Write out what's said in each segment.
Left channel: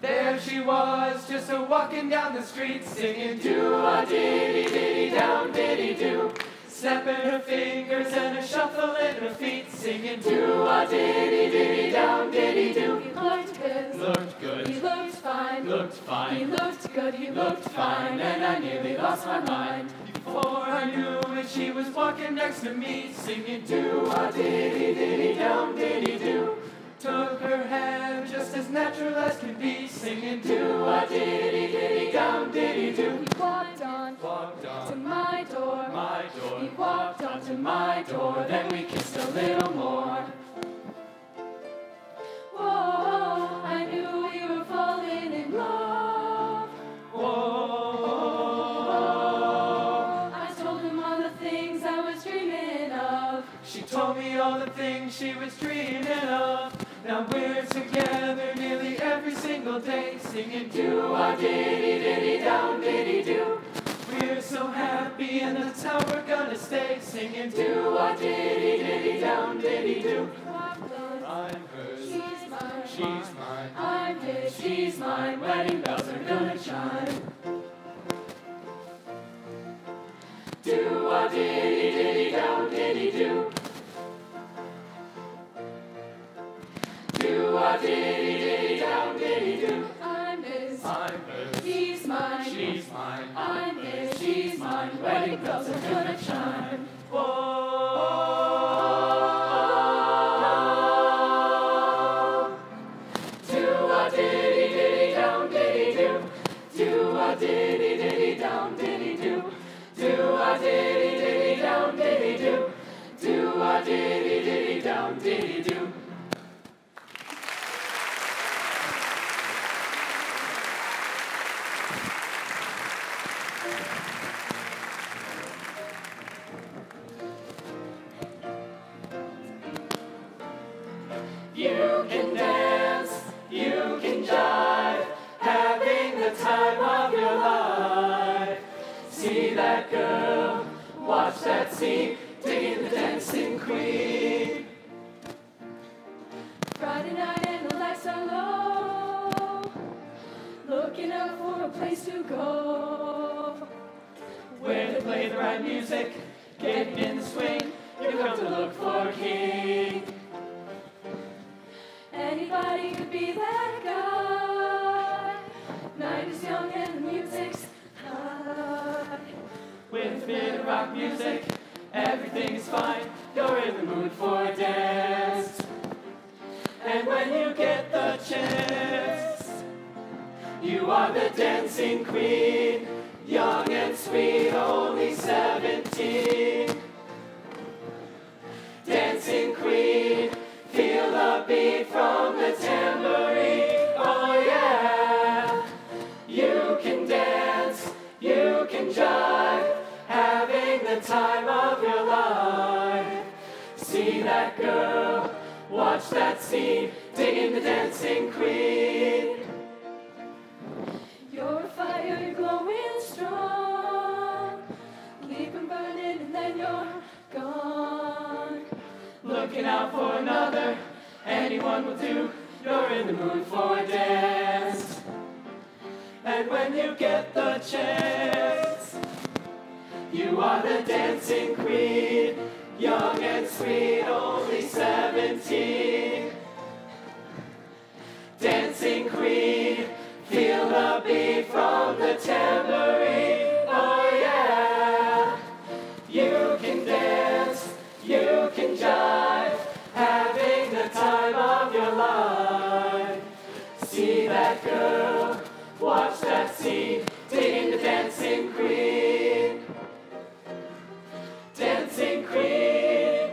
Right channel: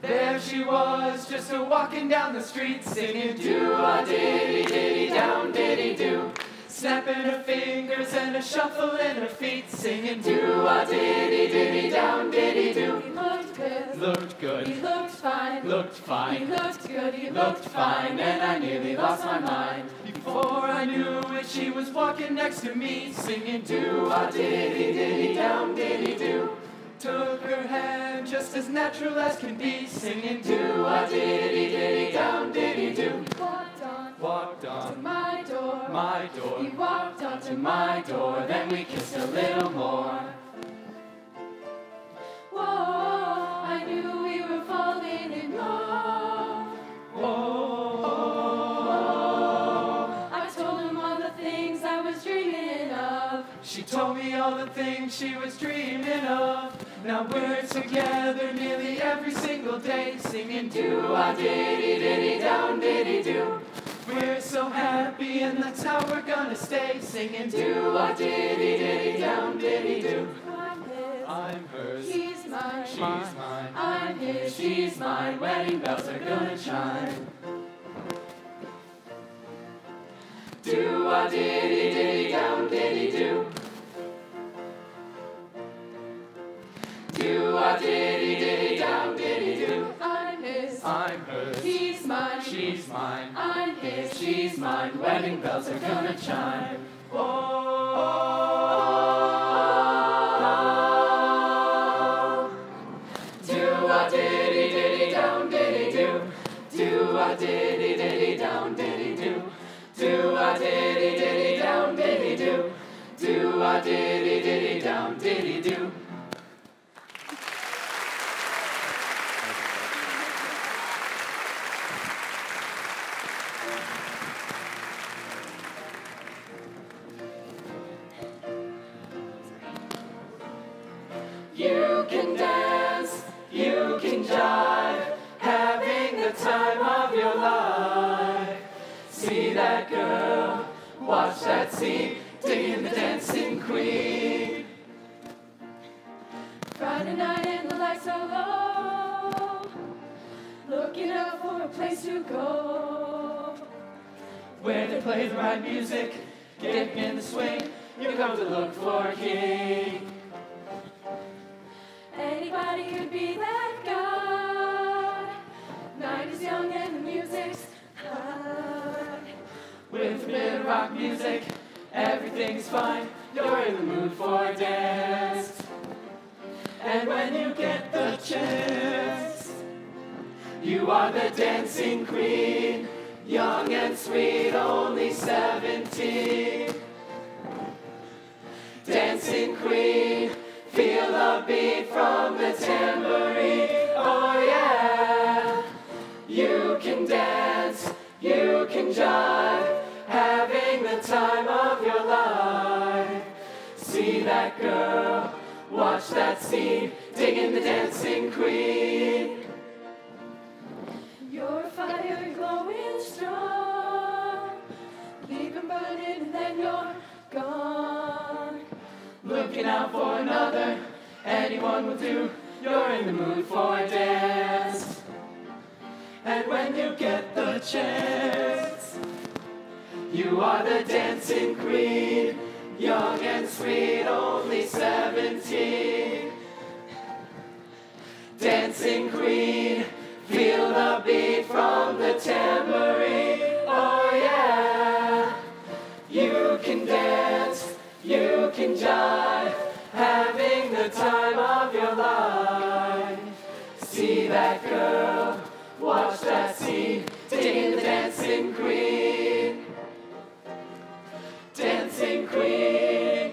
There she was, just a-walking down the street, singing do-a-diddy-diddy-down, diddy-do. Snapping her fingers and a shuffle in her feet, singing do-a-diddy-diddy-down, diddy-do. He looked good. Looked good. He looked fine. Looked fine. He looked good. He looked fine. And I nearly lost my mind. Before I knew it, she was walking next to me, singing do-a-diddy-diddy-down, diddy-do. Took her hand just as natural as can be, singing do-a-diddy-diddy-down, diddy-do. He walked on to my door. My door. He walked on to my door. Then we kissed a little more. Whoa, I knew we were falling in love. Whoa. I told him all the things I was dreaming of. She told me all the things she was dreaming of. Now we're together nearly every single day, singing do-a-diddy-diddy-down, diddy-do. We're so happy and that's how we're gonna stay, singing do-a-diddy-diddy-down, diddy-do. I'm hers, She's mine. she's mine. I'm his. She's mine. Wedding bells are gonna chime. Do-a-diddy-diddy-down, diddy-do. Do-a-diddy-diddy-down, diddy-do. I'm his. I'm hers. He's mine. She's mine. I'm his. She's mine. Wedding bells are gonna chime. Oh. Do-a-diddy-diddy-down, diddy-do. Do-a-diddy-diddy-down, diddy-do. Do-a-diddy-diddy-down, diddy-do. Do-a-diddy-diddy-down, diddy-do. You can dance, you can jive, having the time of your life. See that girl, watch that scene, digging the dancing queen. Friday night and the lights are low, looking out for a place to go. Where they play the right music, getting in the swing, you come to look for a king. Anybody could be that guy. Night is young and the music's high. With a bit of rock music, everything's fine. You're in the mood for a dance. And when you get the chance, you are the dancing queen. Young and sweet, only 17. Dancing queen, feel the beat from the tambourine. Oh yeah. You can dance, you can jive, having the time of your life. See that girl, watch that scene, digging the dancing queen. You're a fire glowing strong, leave 'em burning and then you're gone. Looking out for another, anyone will do. You're in the mood for a dance. And when you get the chance, you are the dancing queen. Young and sweet, only 17. Dancing queen, feel the beat from the tambourine. Oh yeah. You can dance, you can jive, having the time of your life. See that girl, watch that scene, digging the dancing queen. Dancing queen.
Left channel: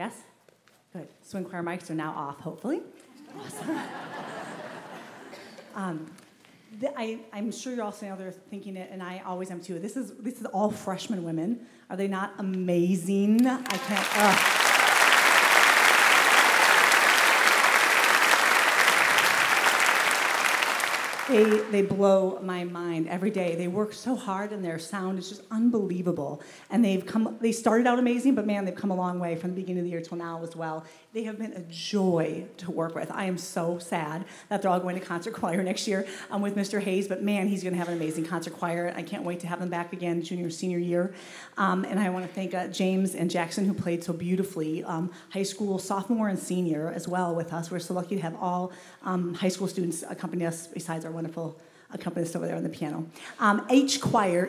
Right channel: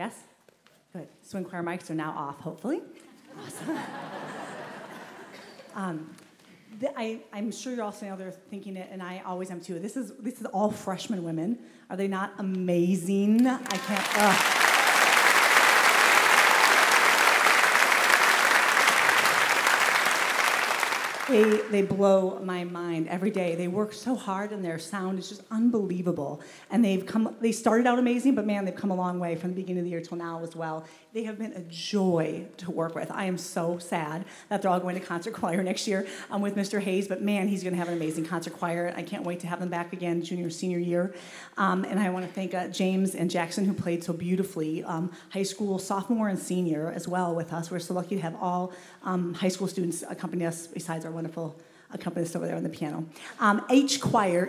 Yes? Good. Swing choir mics are now off, hopefully. Awesome. I'm sure you're all sitting out there thinking it, and I always am too. This is all freshman women. Are they not amazing? I can't. They blow my mind every day. They work so hard, and their sound is just unbelievable. And they started out amazing, but man, they've come a long way from the beginning of the year till now as well. They have been a joy to work with. I am so sad that they're all going to concert choir next year. I'm with Mr. Hayes, but man, he's going to have an amazing concert choir. I can't wait to have them back again junior, senior year. And I want to thank James and Jackson, who played so beautifully, high school sophomore and senior as well with us. We're so lucky to have all high school students accompany us besides our wonderful accompanist over there on the piano. Each choir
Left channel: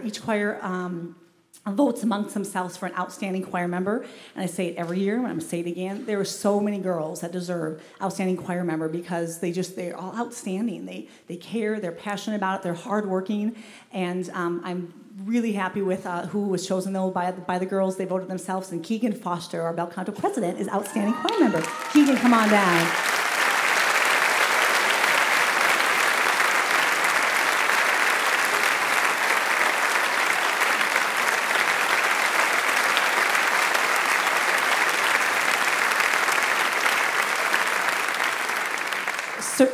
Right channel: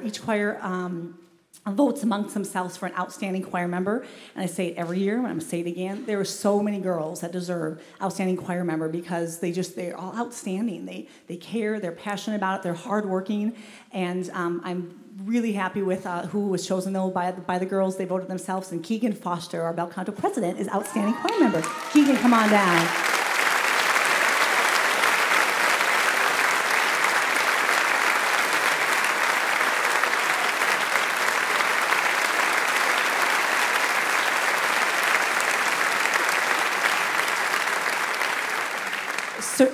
votes amongst themselves for an outstanding choir member, and I say it every year, and I'm going to say it again. There are so many girls that deserve outstanding choir member because they're all outstanding. They care, they're passionate about it, they're hardworking, and I'm really happy with who was chosen though by the girls. They voted themselves, and Keegan Foster, our Bel Canto president, is outstanding choir member. Keegan, come on down.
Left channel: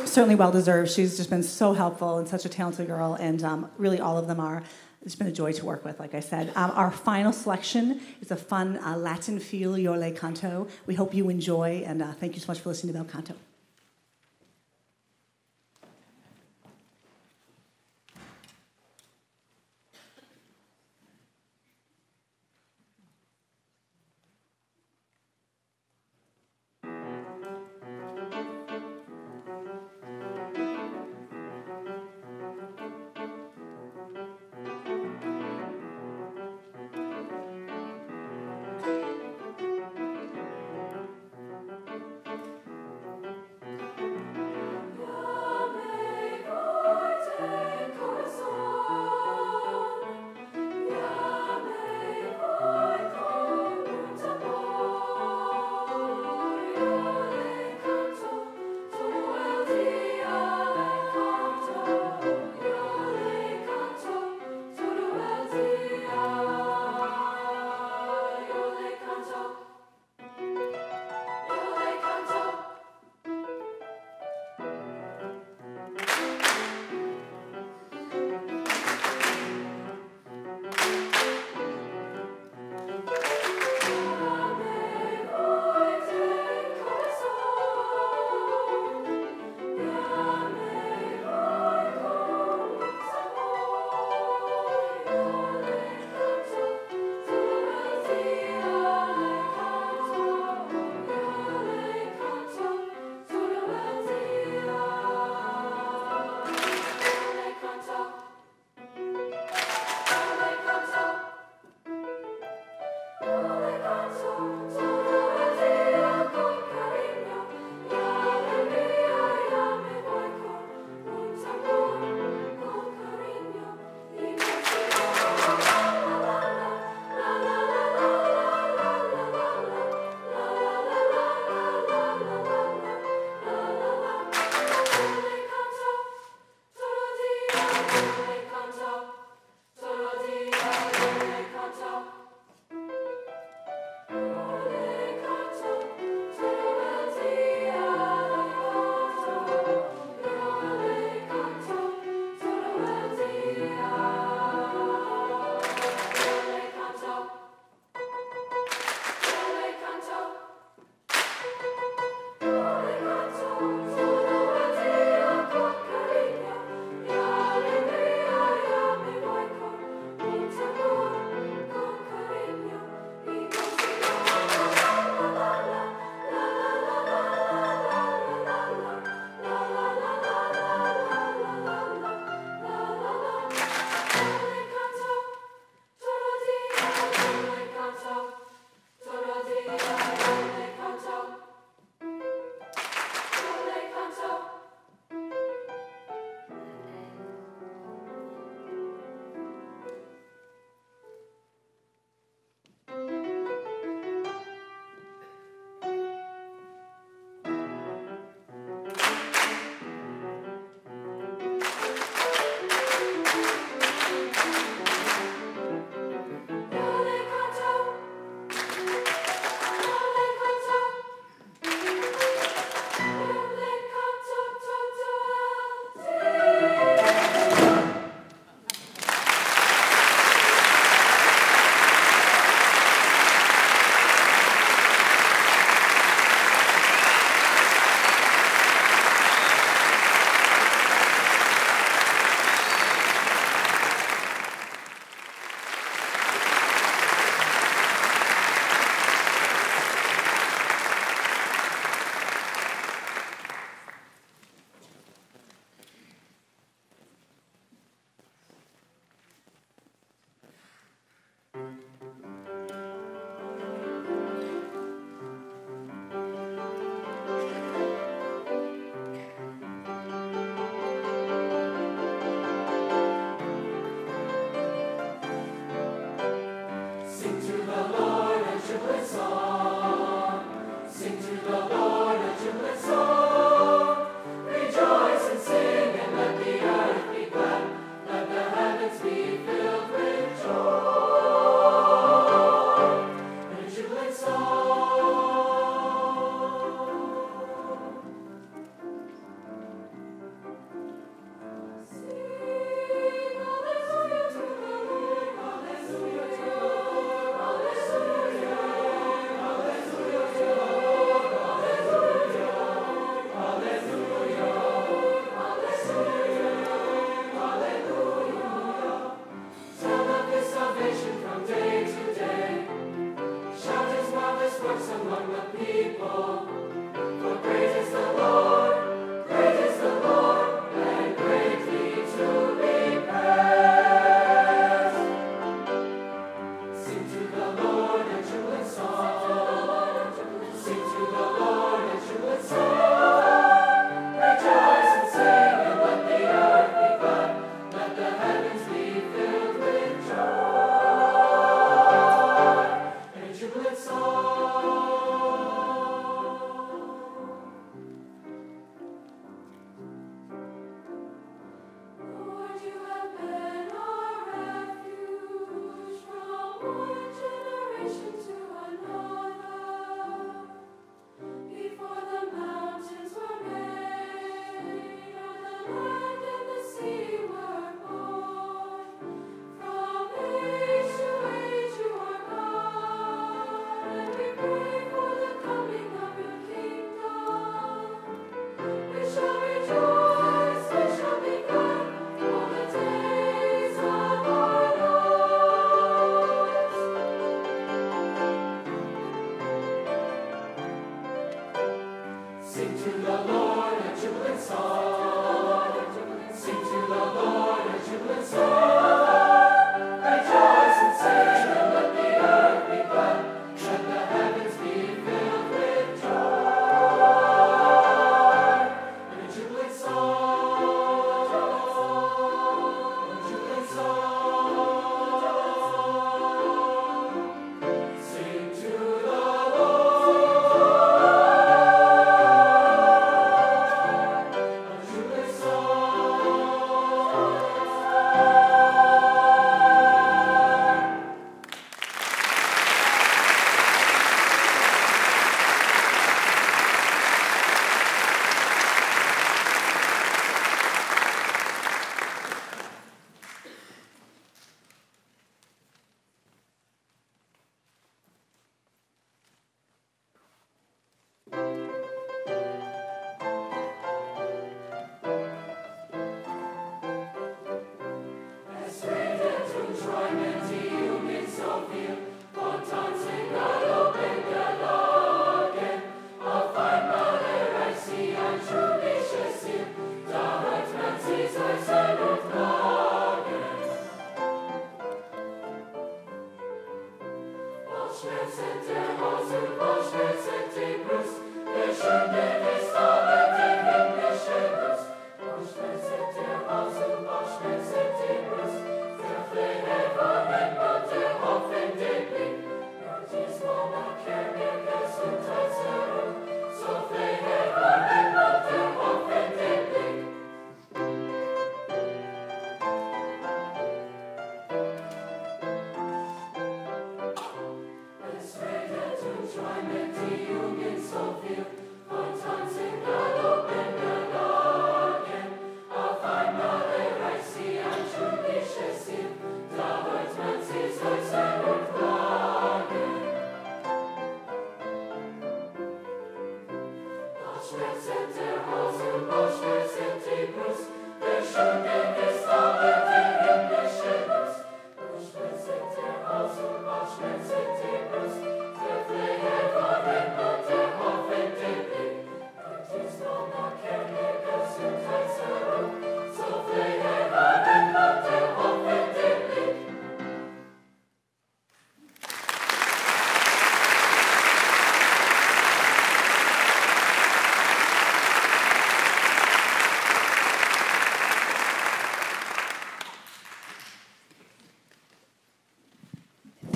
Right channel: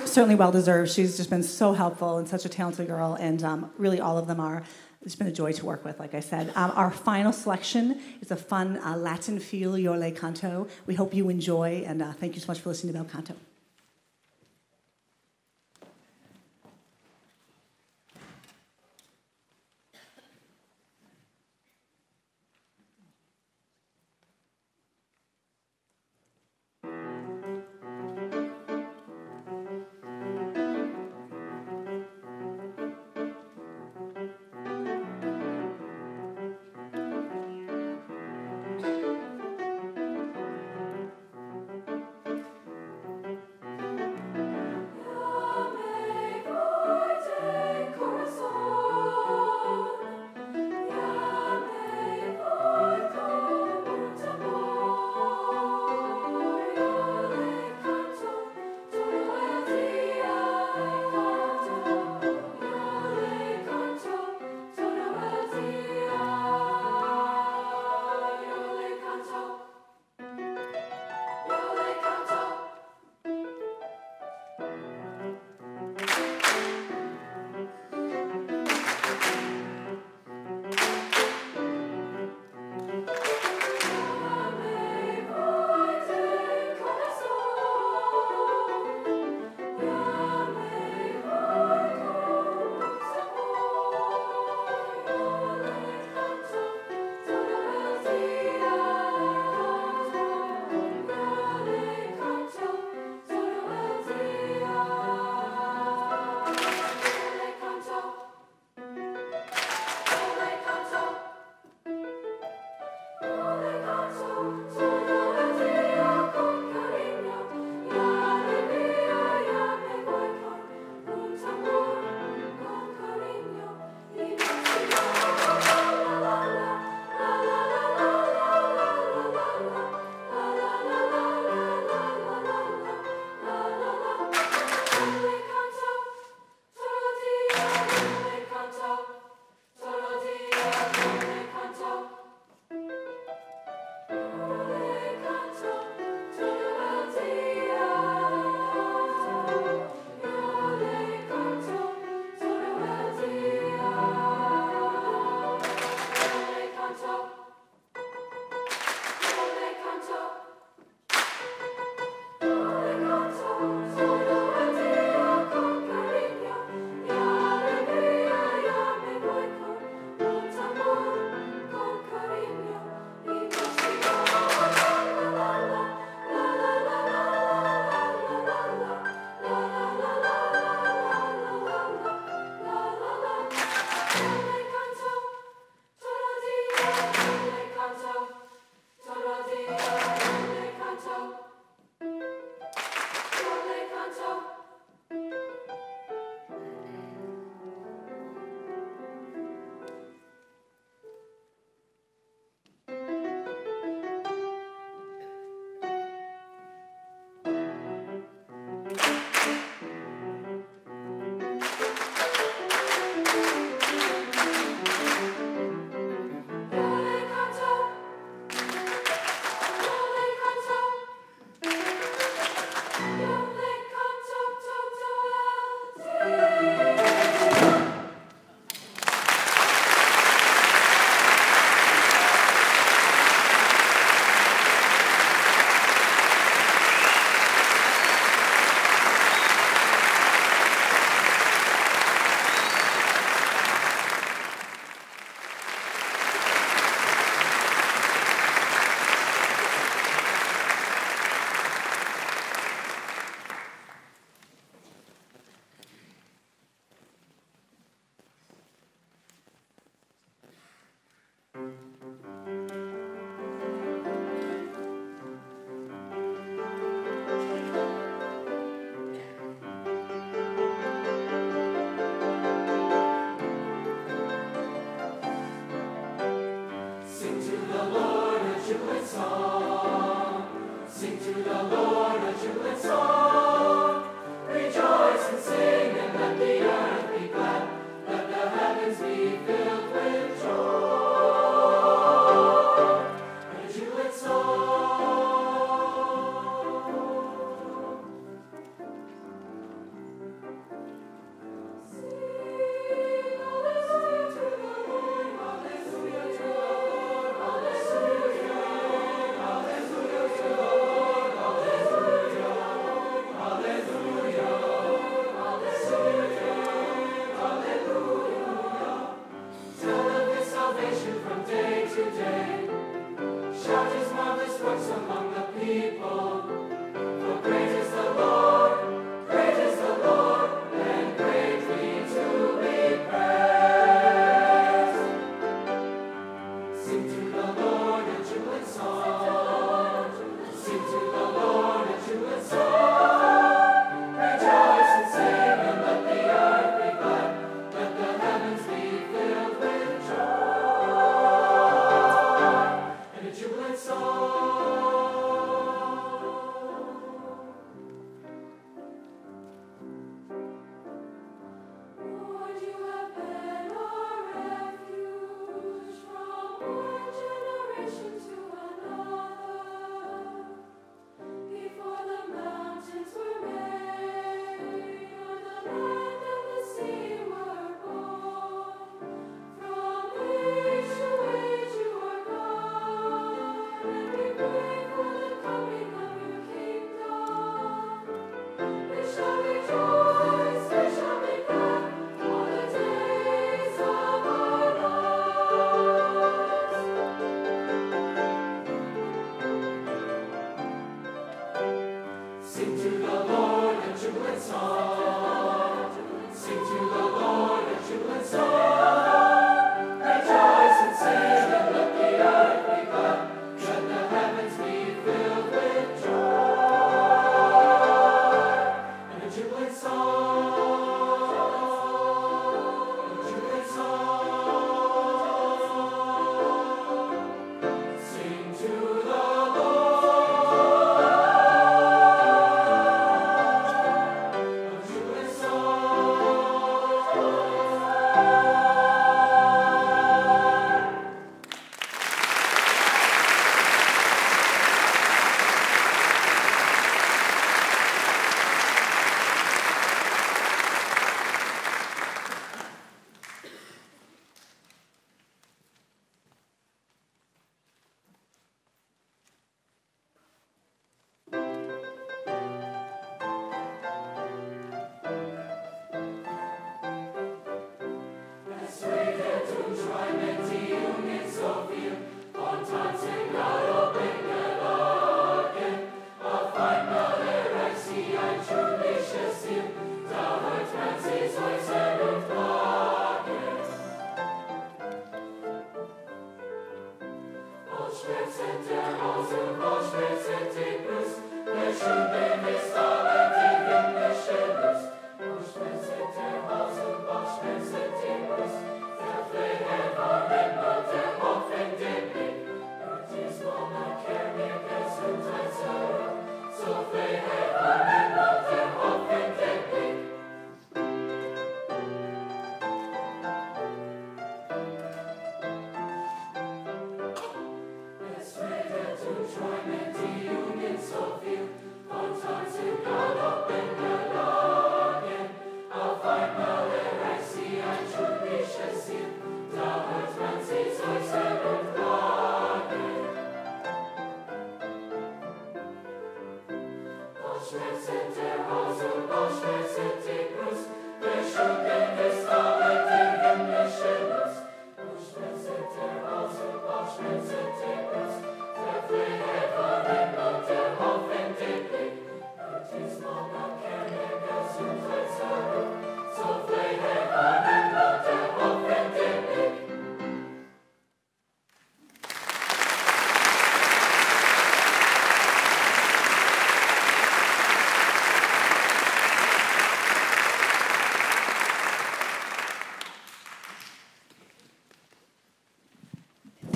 Certainly well-deserved. She's just been so helpful and such a talented girl, and really all of them are. It's been a joy to work with, like I said. Our final selection is a fun Latin feel, Yo Le Canto. We hope you enjoy, and thank you so much for listening to Bel Canto.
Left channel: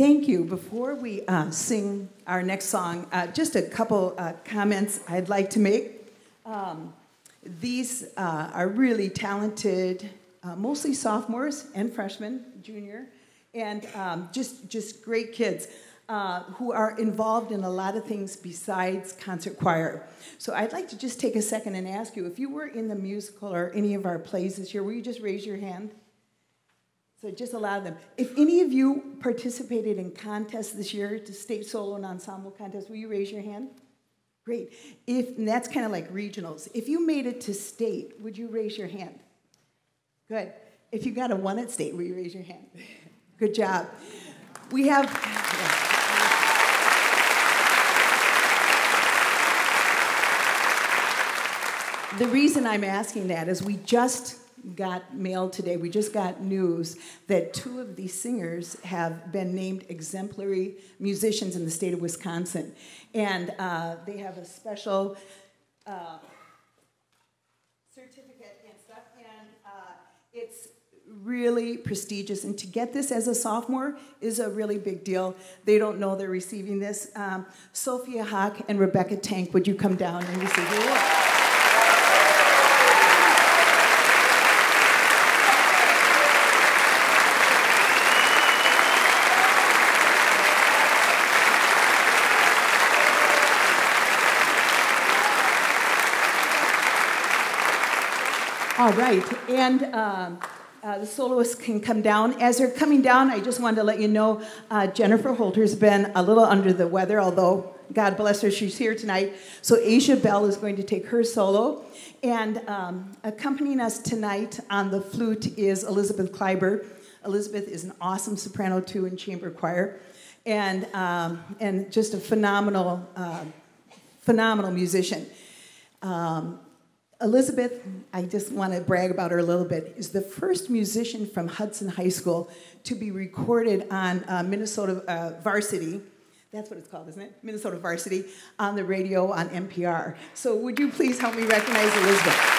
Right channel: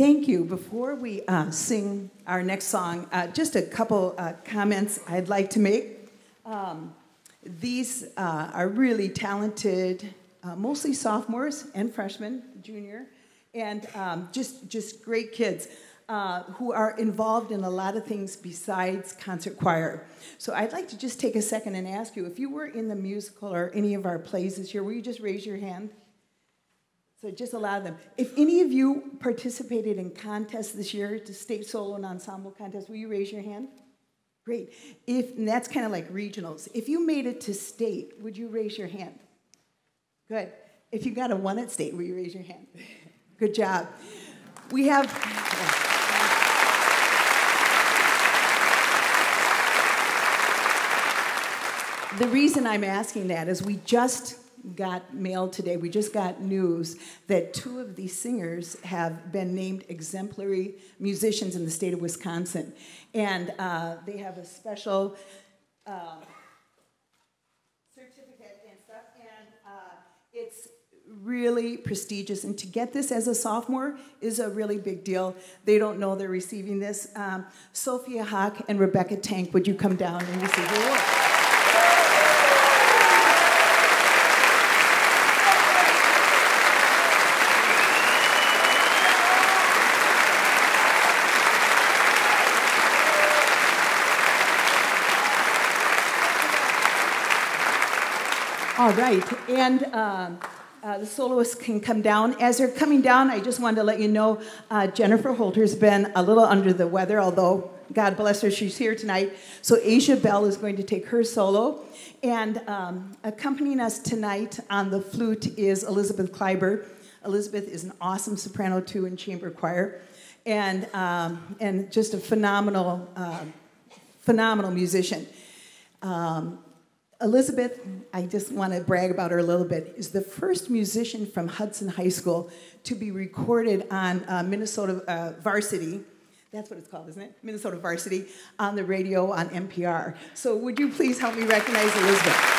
Thank you. Before we sing our next song, just a couple comments I'd like to make. These are really talented, mostly sophomores and freshmen, junior, and just great kids who are involved in a lot of things besides concert choir. So I'd like to just take a second and ask you, if you were in the musical or any of our plays this year, will you just raise your hand? So just allow them. If any of you participated in contests this year, to state solo and ensemble contests, will you raise your hand? Great. And that's kind of like regionals. If you made it to state, would you raise your hand? Good. If you got a 1 at state, will you raise your hand? Good job. We have... The reason I'm asking that is we just got mail today. We just got news that 2 of these singers have been named exemplary musicians in the state of Wisconsin. And they have a special certificate and stuff. And it's really prestigious. And to get this as a sophomore is a really big deal. They don't know they're receiving this. Sophia Hawk and Rebecca Tank, would you come down and receive your award? All right, and the soloists can come down. As they're coming down, I just wanted to let you know Jennifer Holter's been a little under the weather, although God bless her, she's here tonight. So Asia Bell is going to take her solo. And accompanying us tonight on the flute is Elizabeth Kleiber. Elizabeth is an awesome soprano, too, in chamber choir. And just a phenomenal musician. Elizabeth, I just want to brag about her a little bit, is the first musician from Hudson High School to be recorded on Minnesota Varsity. That's what it's called, isn't it? Minnesota Varsity on the radio on NPR. So would you please help me recognize Elizabeth?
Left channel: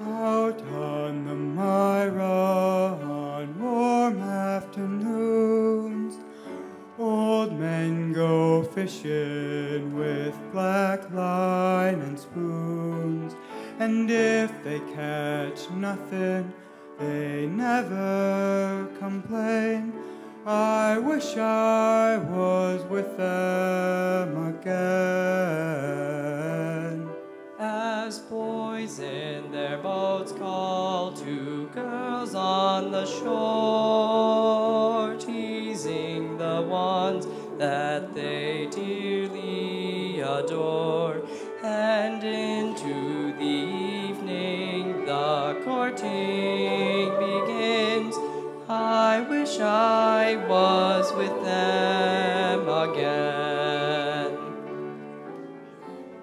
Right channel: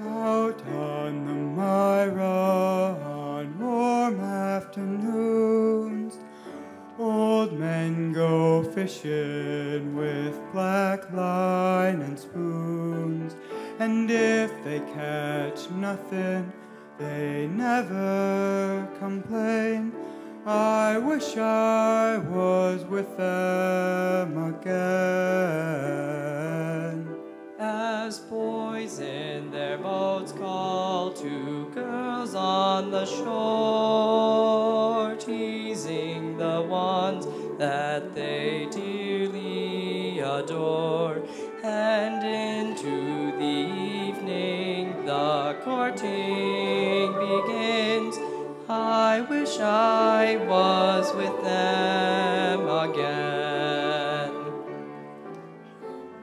Out on the Myra on warm afternoons, old men go fishing with black line and spoons, and if they catch nothing, they never complain. I wish I was with them again. As boys in their boats call to girls on the shore, teasing the ones that they dearly adore. And into the evening the courting begins. I wish I was with them again.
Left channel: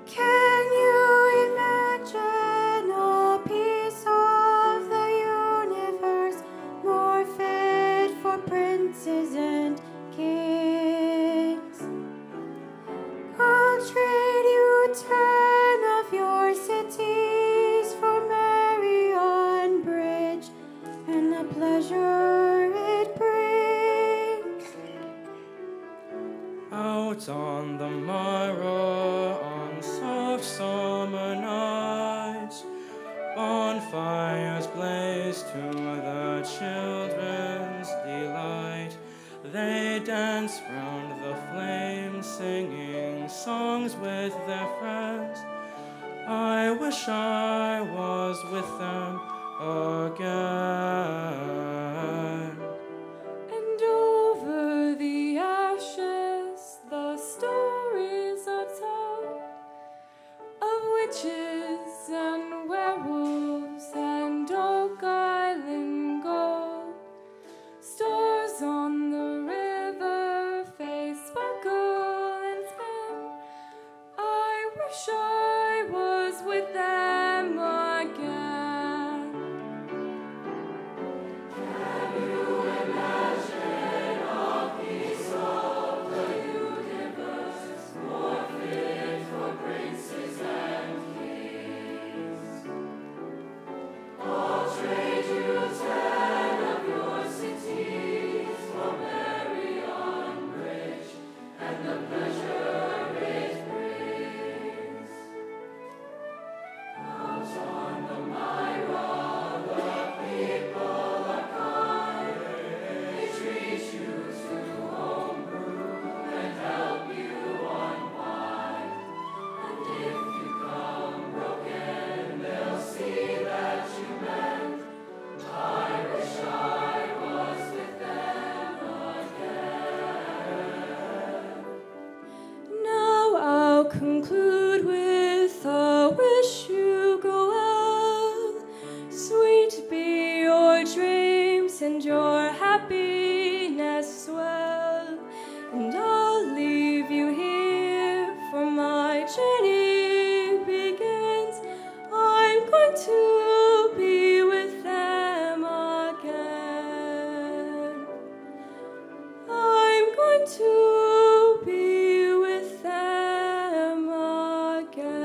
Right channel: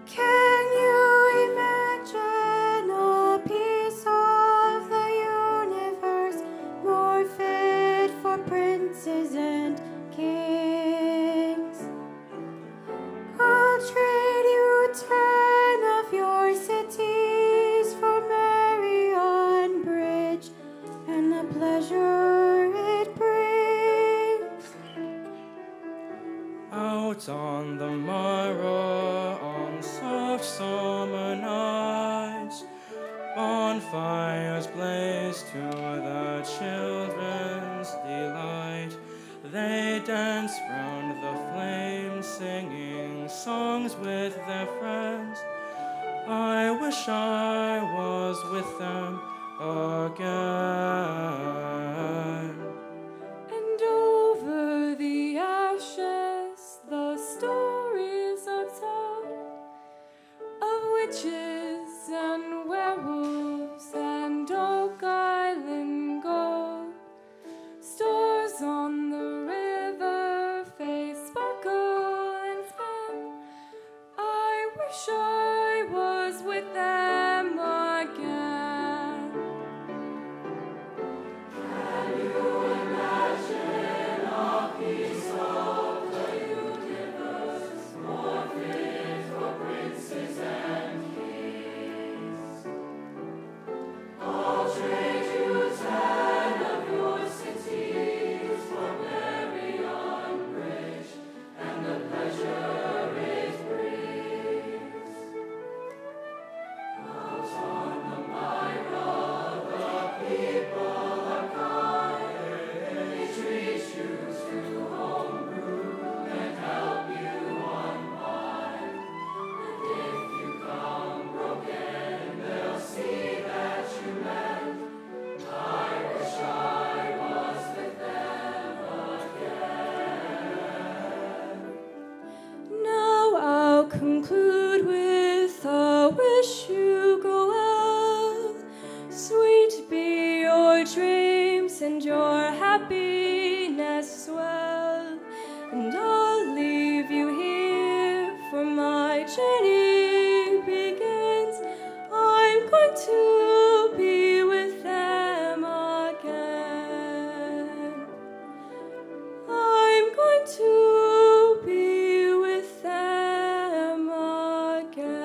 Can you imagine a piece of the universe more fit for princes and kings? I'll trade you 10 of your cities for Marion Bridge and the pleasure it brings. Out on the Myra on soft summer nights, bonfires blaze to the children's delight. They dance round the flames, singing songs with their friends. I wish I was with them again. And over the ashes, the stories are told of witches and werewolves and Oak Island gold. Stores on the river face sparkle and spin. I wish I was with them again. Can you conclude with a wish you go well. Sweet be your dreams and your happiness well. And I'll leave you here, for my journey begins. I'm going to be with them again. I'm going to be with them again.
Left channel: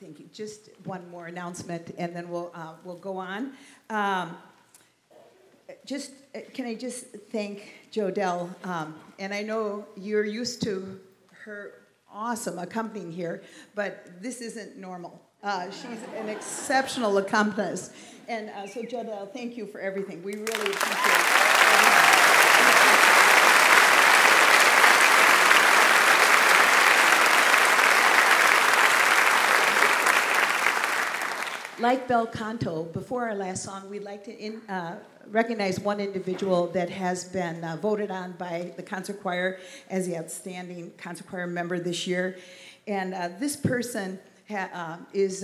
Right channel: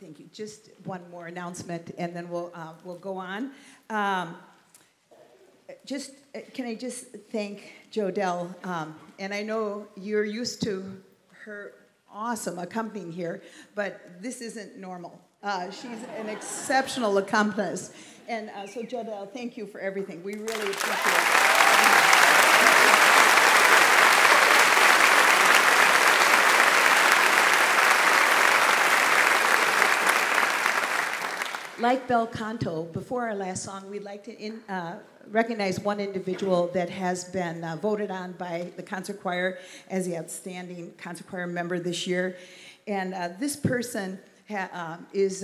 Thank you. Just one more announcement, and then we'll go on. Can I just thank Jodelle? And I know you're used to her awesome accompanying here, but this isn't normal. She's an exceptional accompanist, and so Jodelle, thank you for everything. We really appreciate everything. Like bel canto, before our last song, we'd like to recognize one individual that has been voted on by the concert choir as the outstanding concert choir member this year. And this person is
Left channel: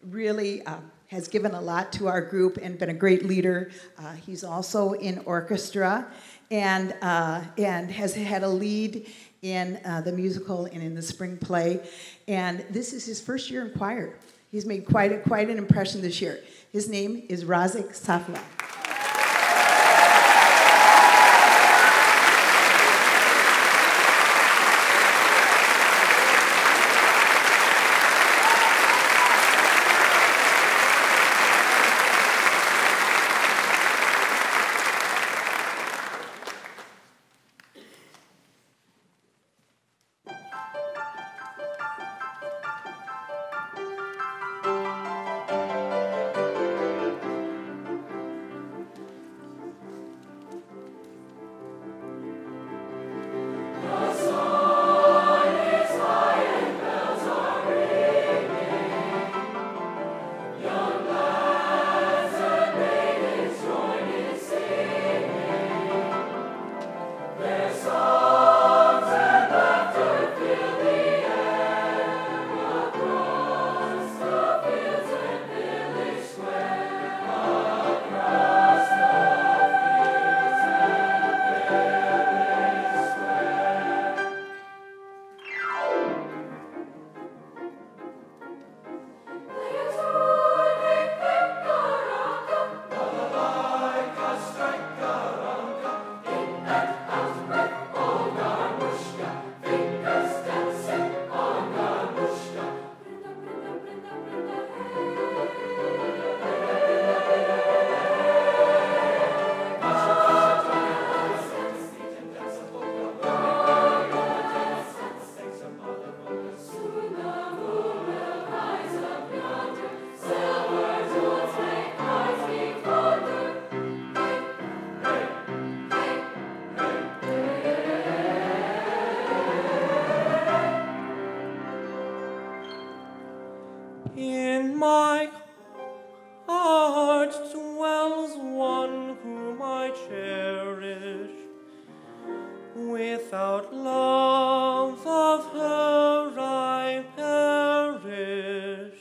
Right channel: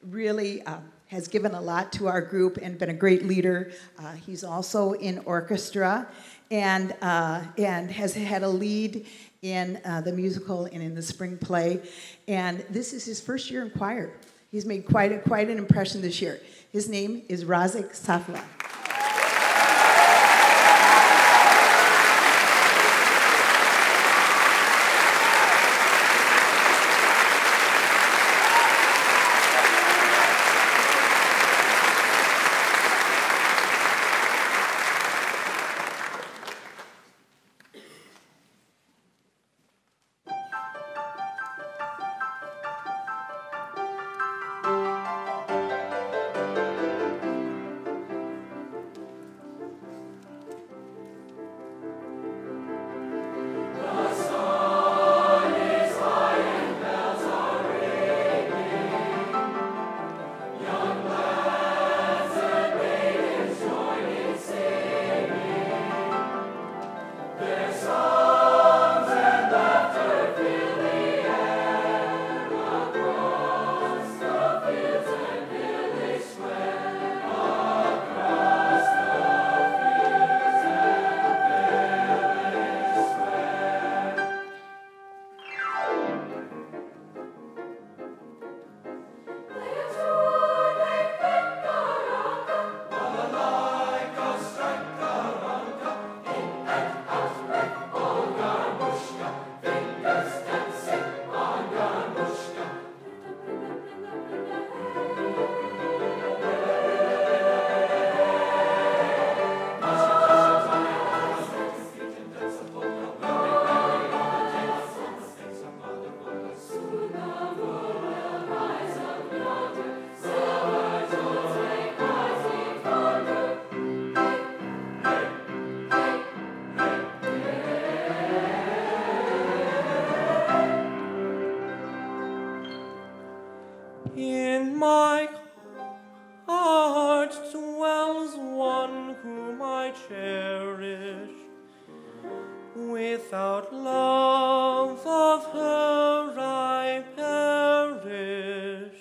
really has given a lot to our group and been a great leader. He's also in orchestra and has had a lead in the musical and in the spring play. And this is his first year in choir. He's made quite an impression this year. His name is Razik Safla. In my heart dwells one whom I cherish. Without love of her I perish.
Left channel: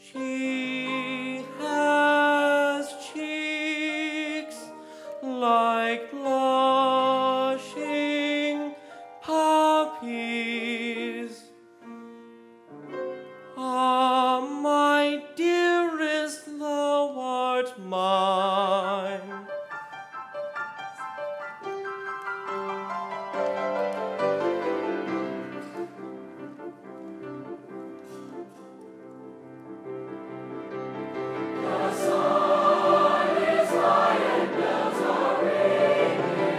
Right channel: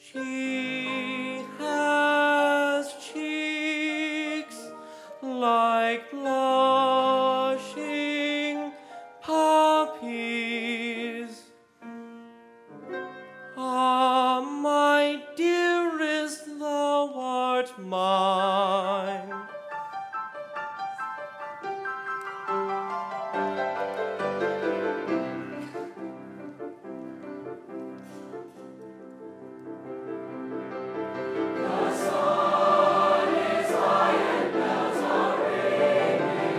She has cheeks like blushing poppies. Ah, my dearest, thou art mine. The sun is high and bells are ringing.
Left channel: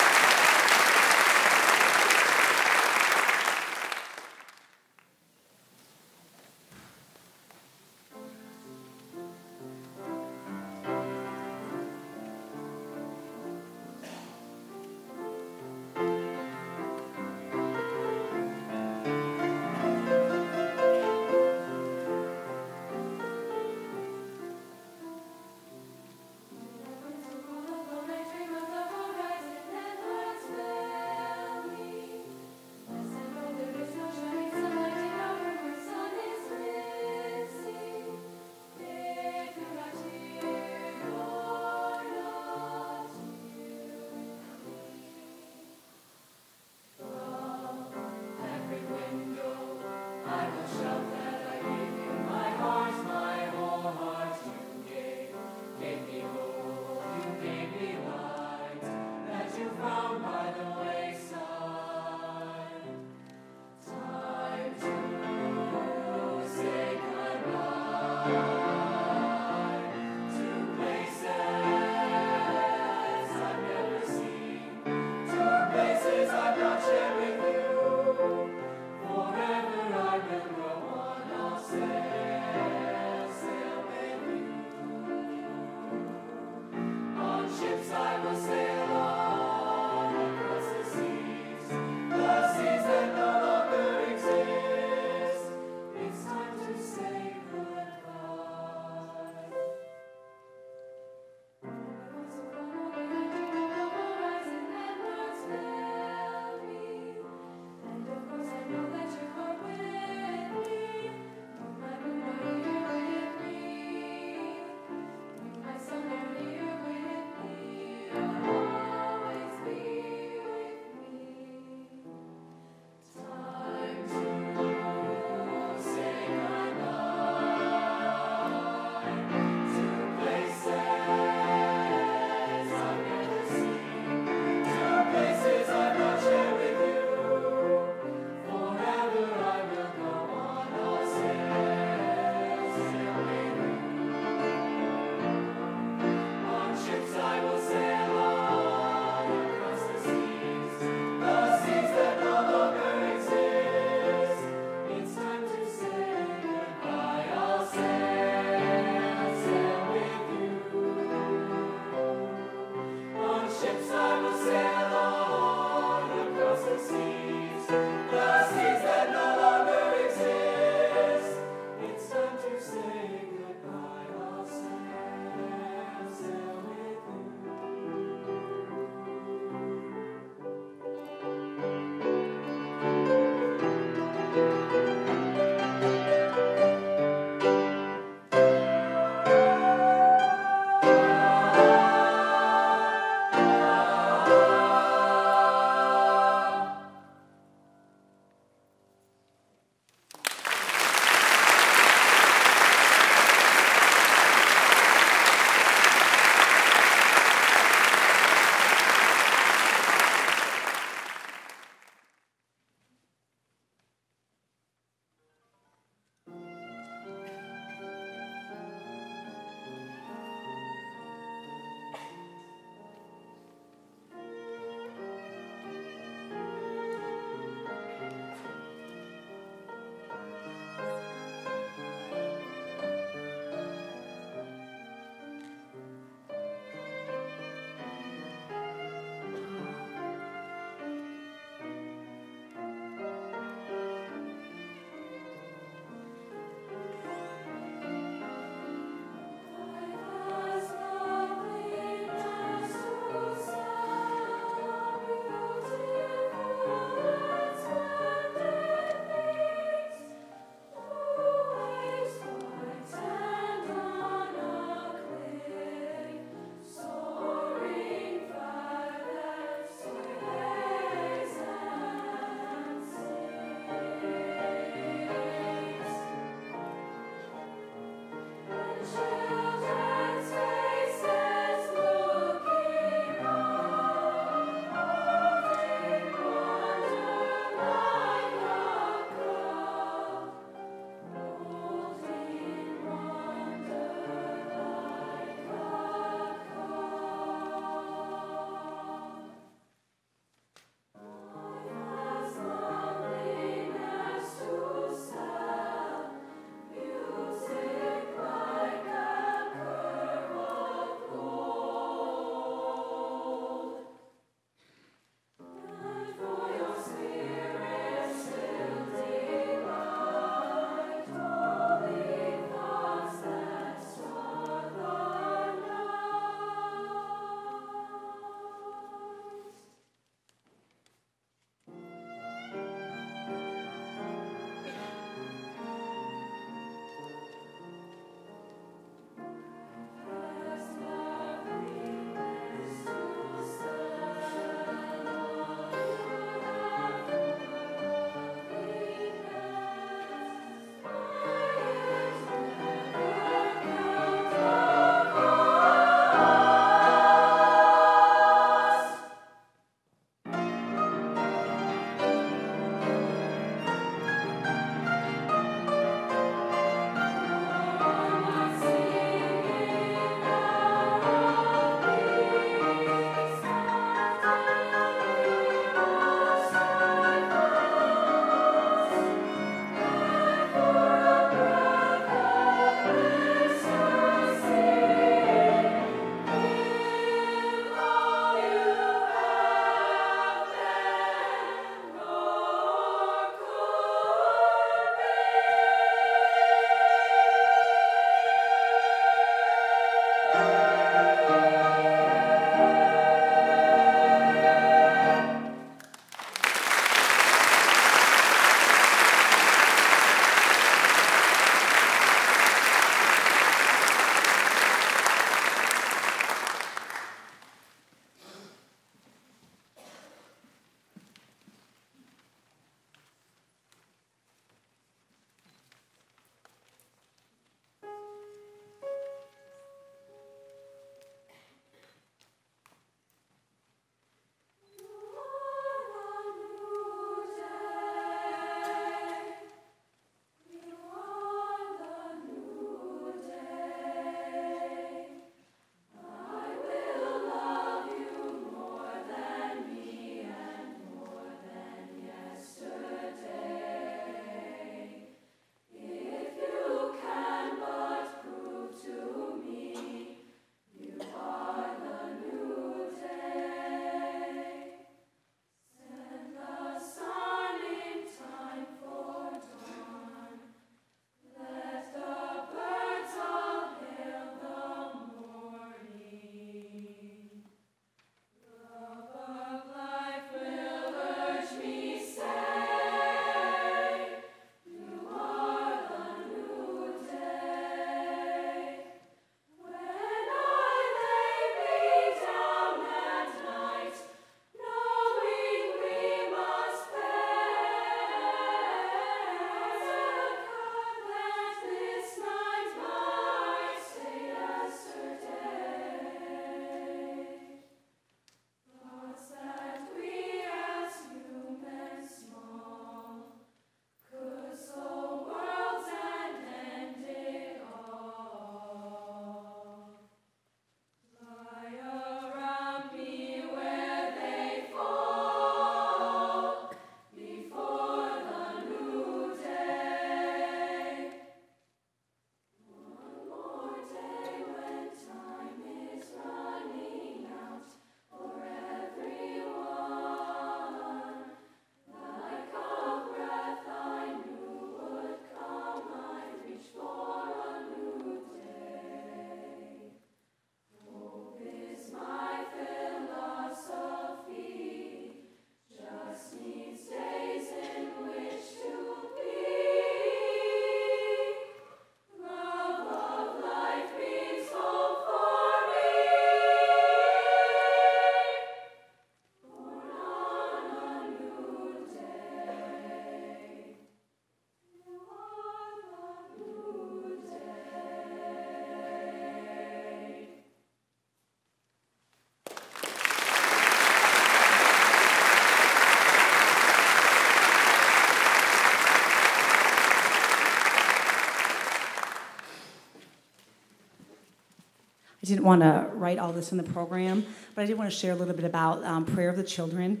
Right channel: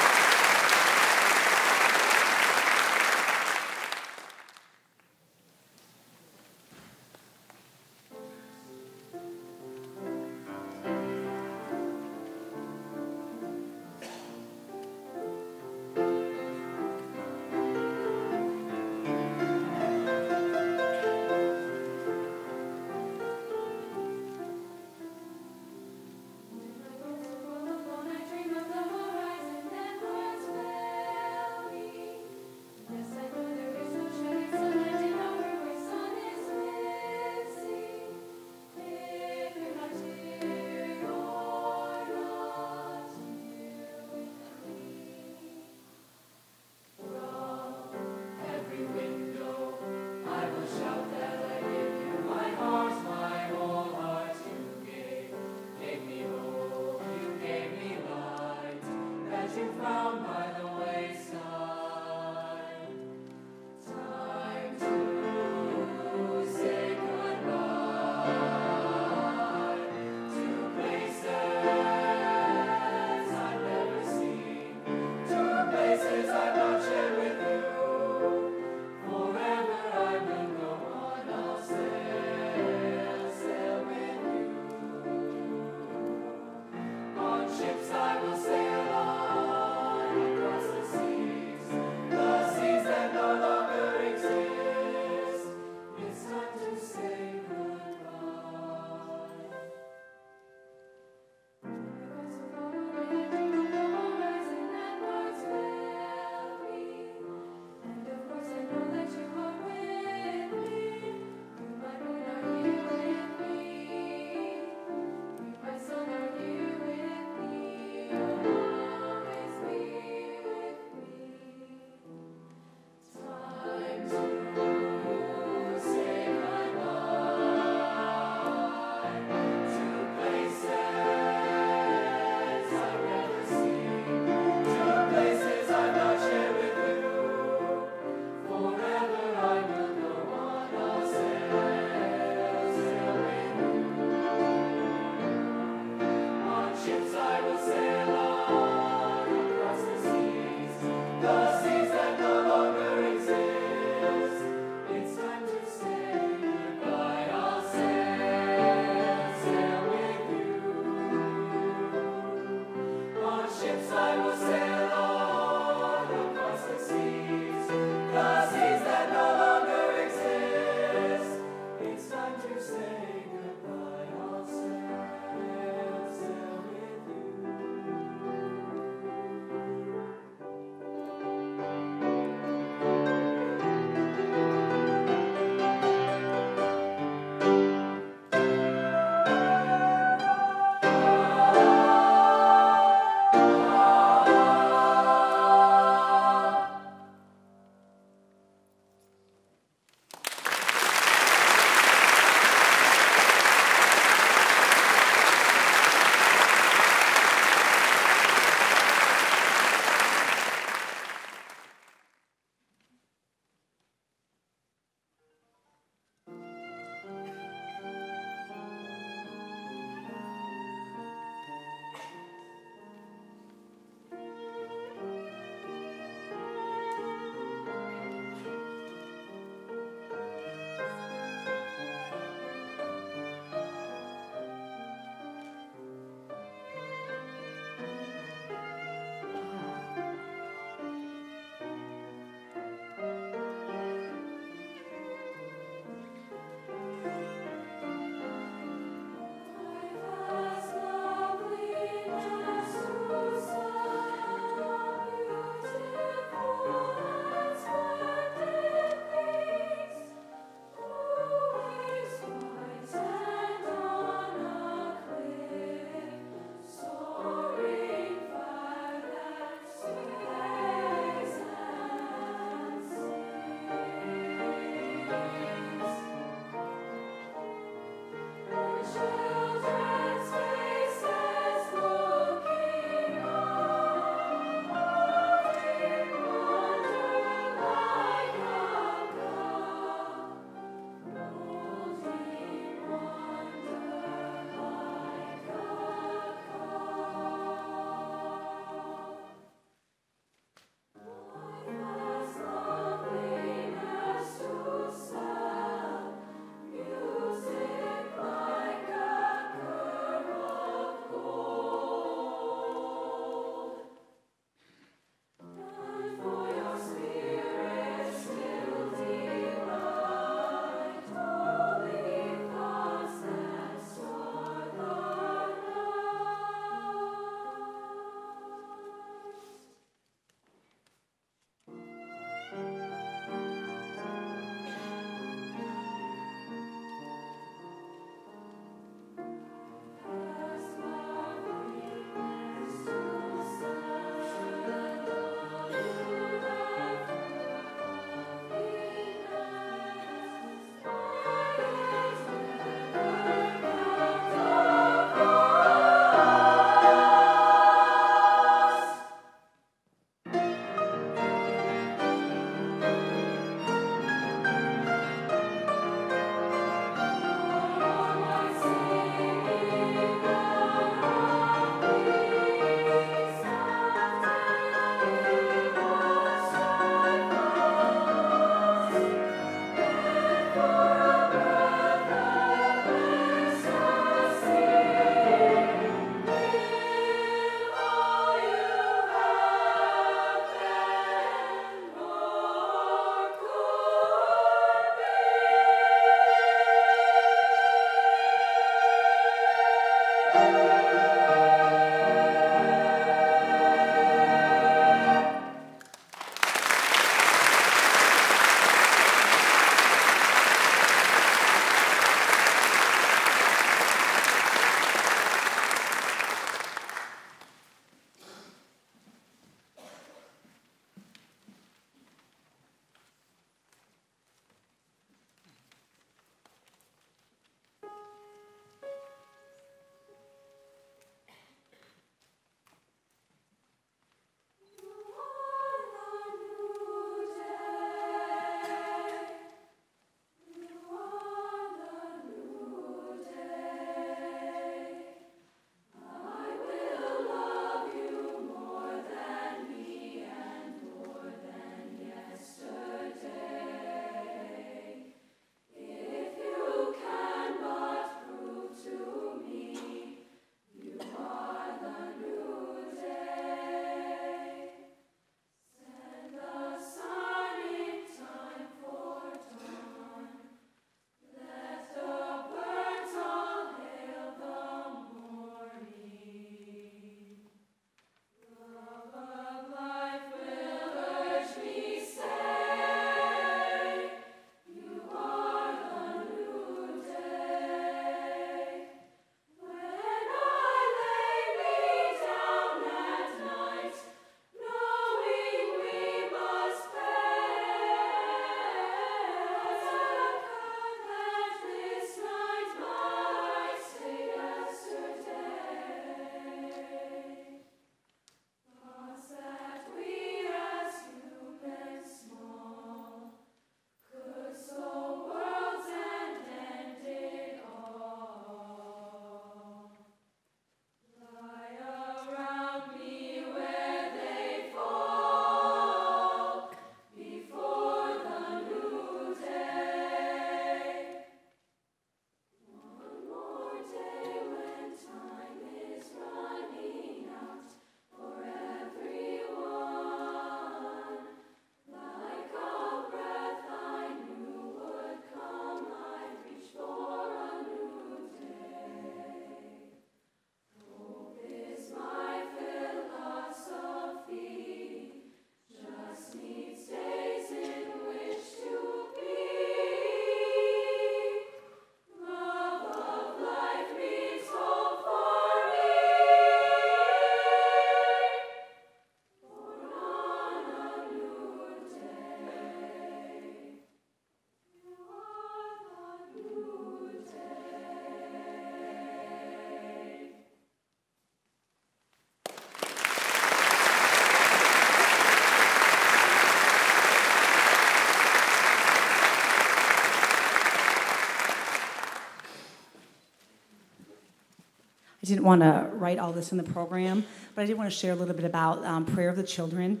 didn't want to write all this in the program, but I did want to share a little bit about Prayer of the Children.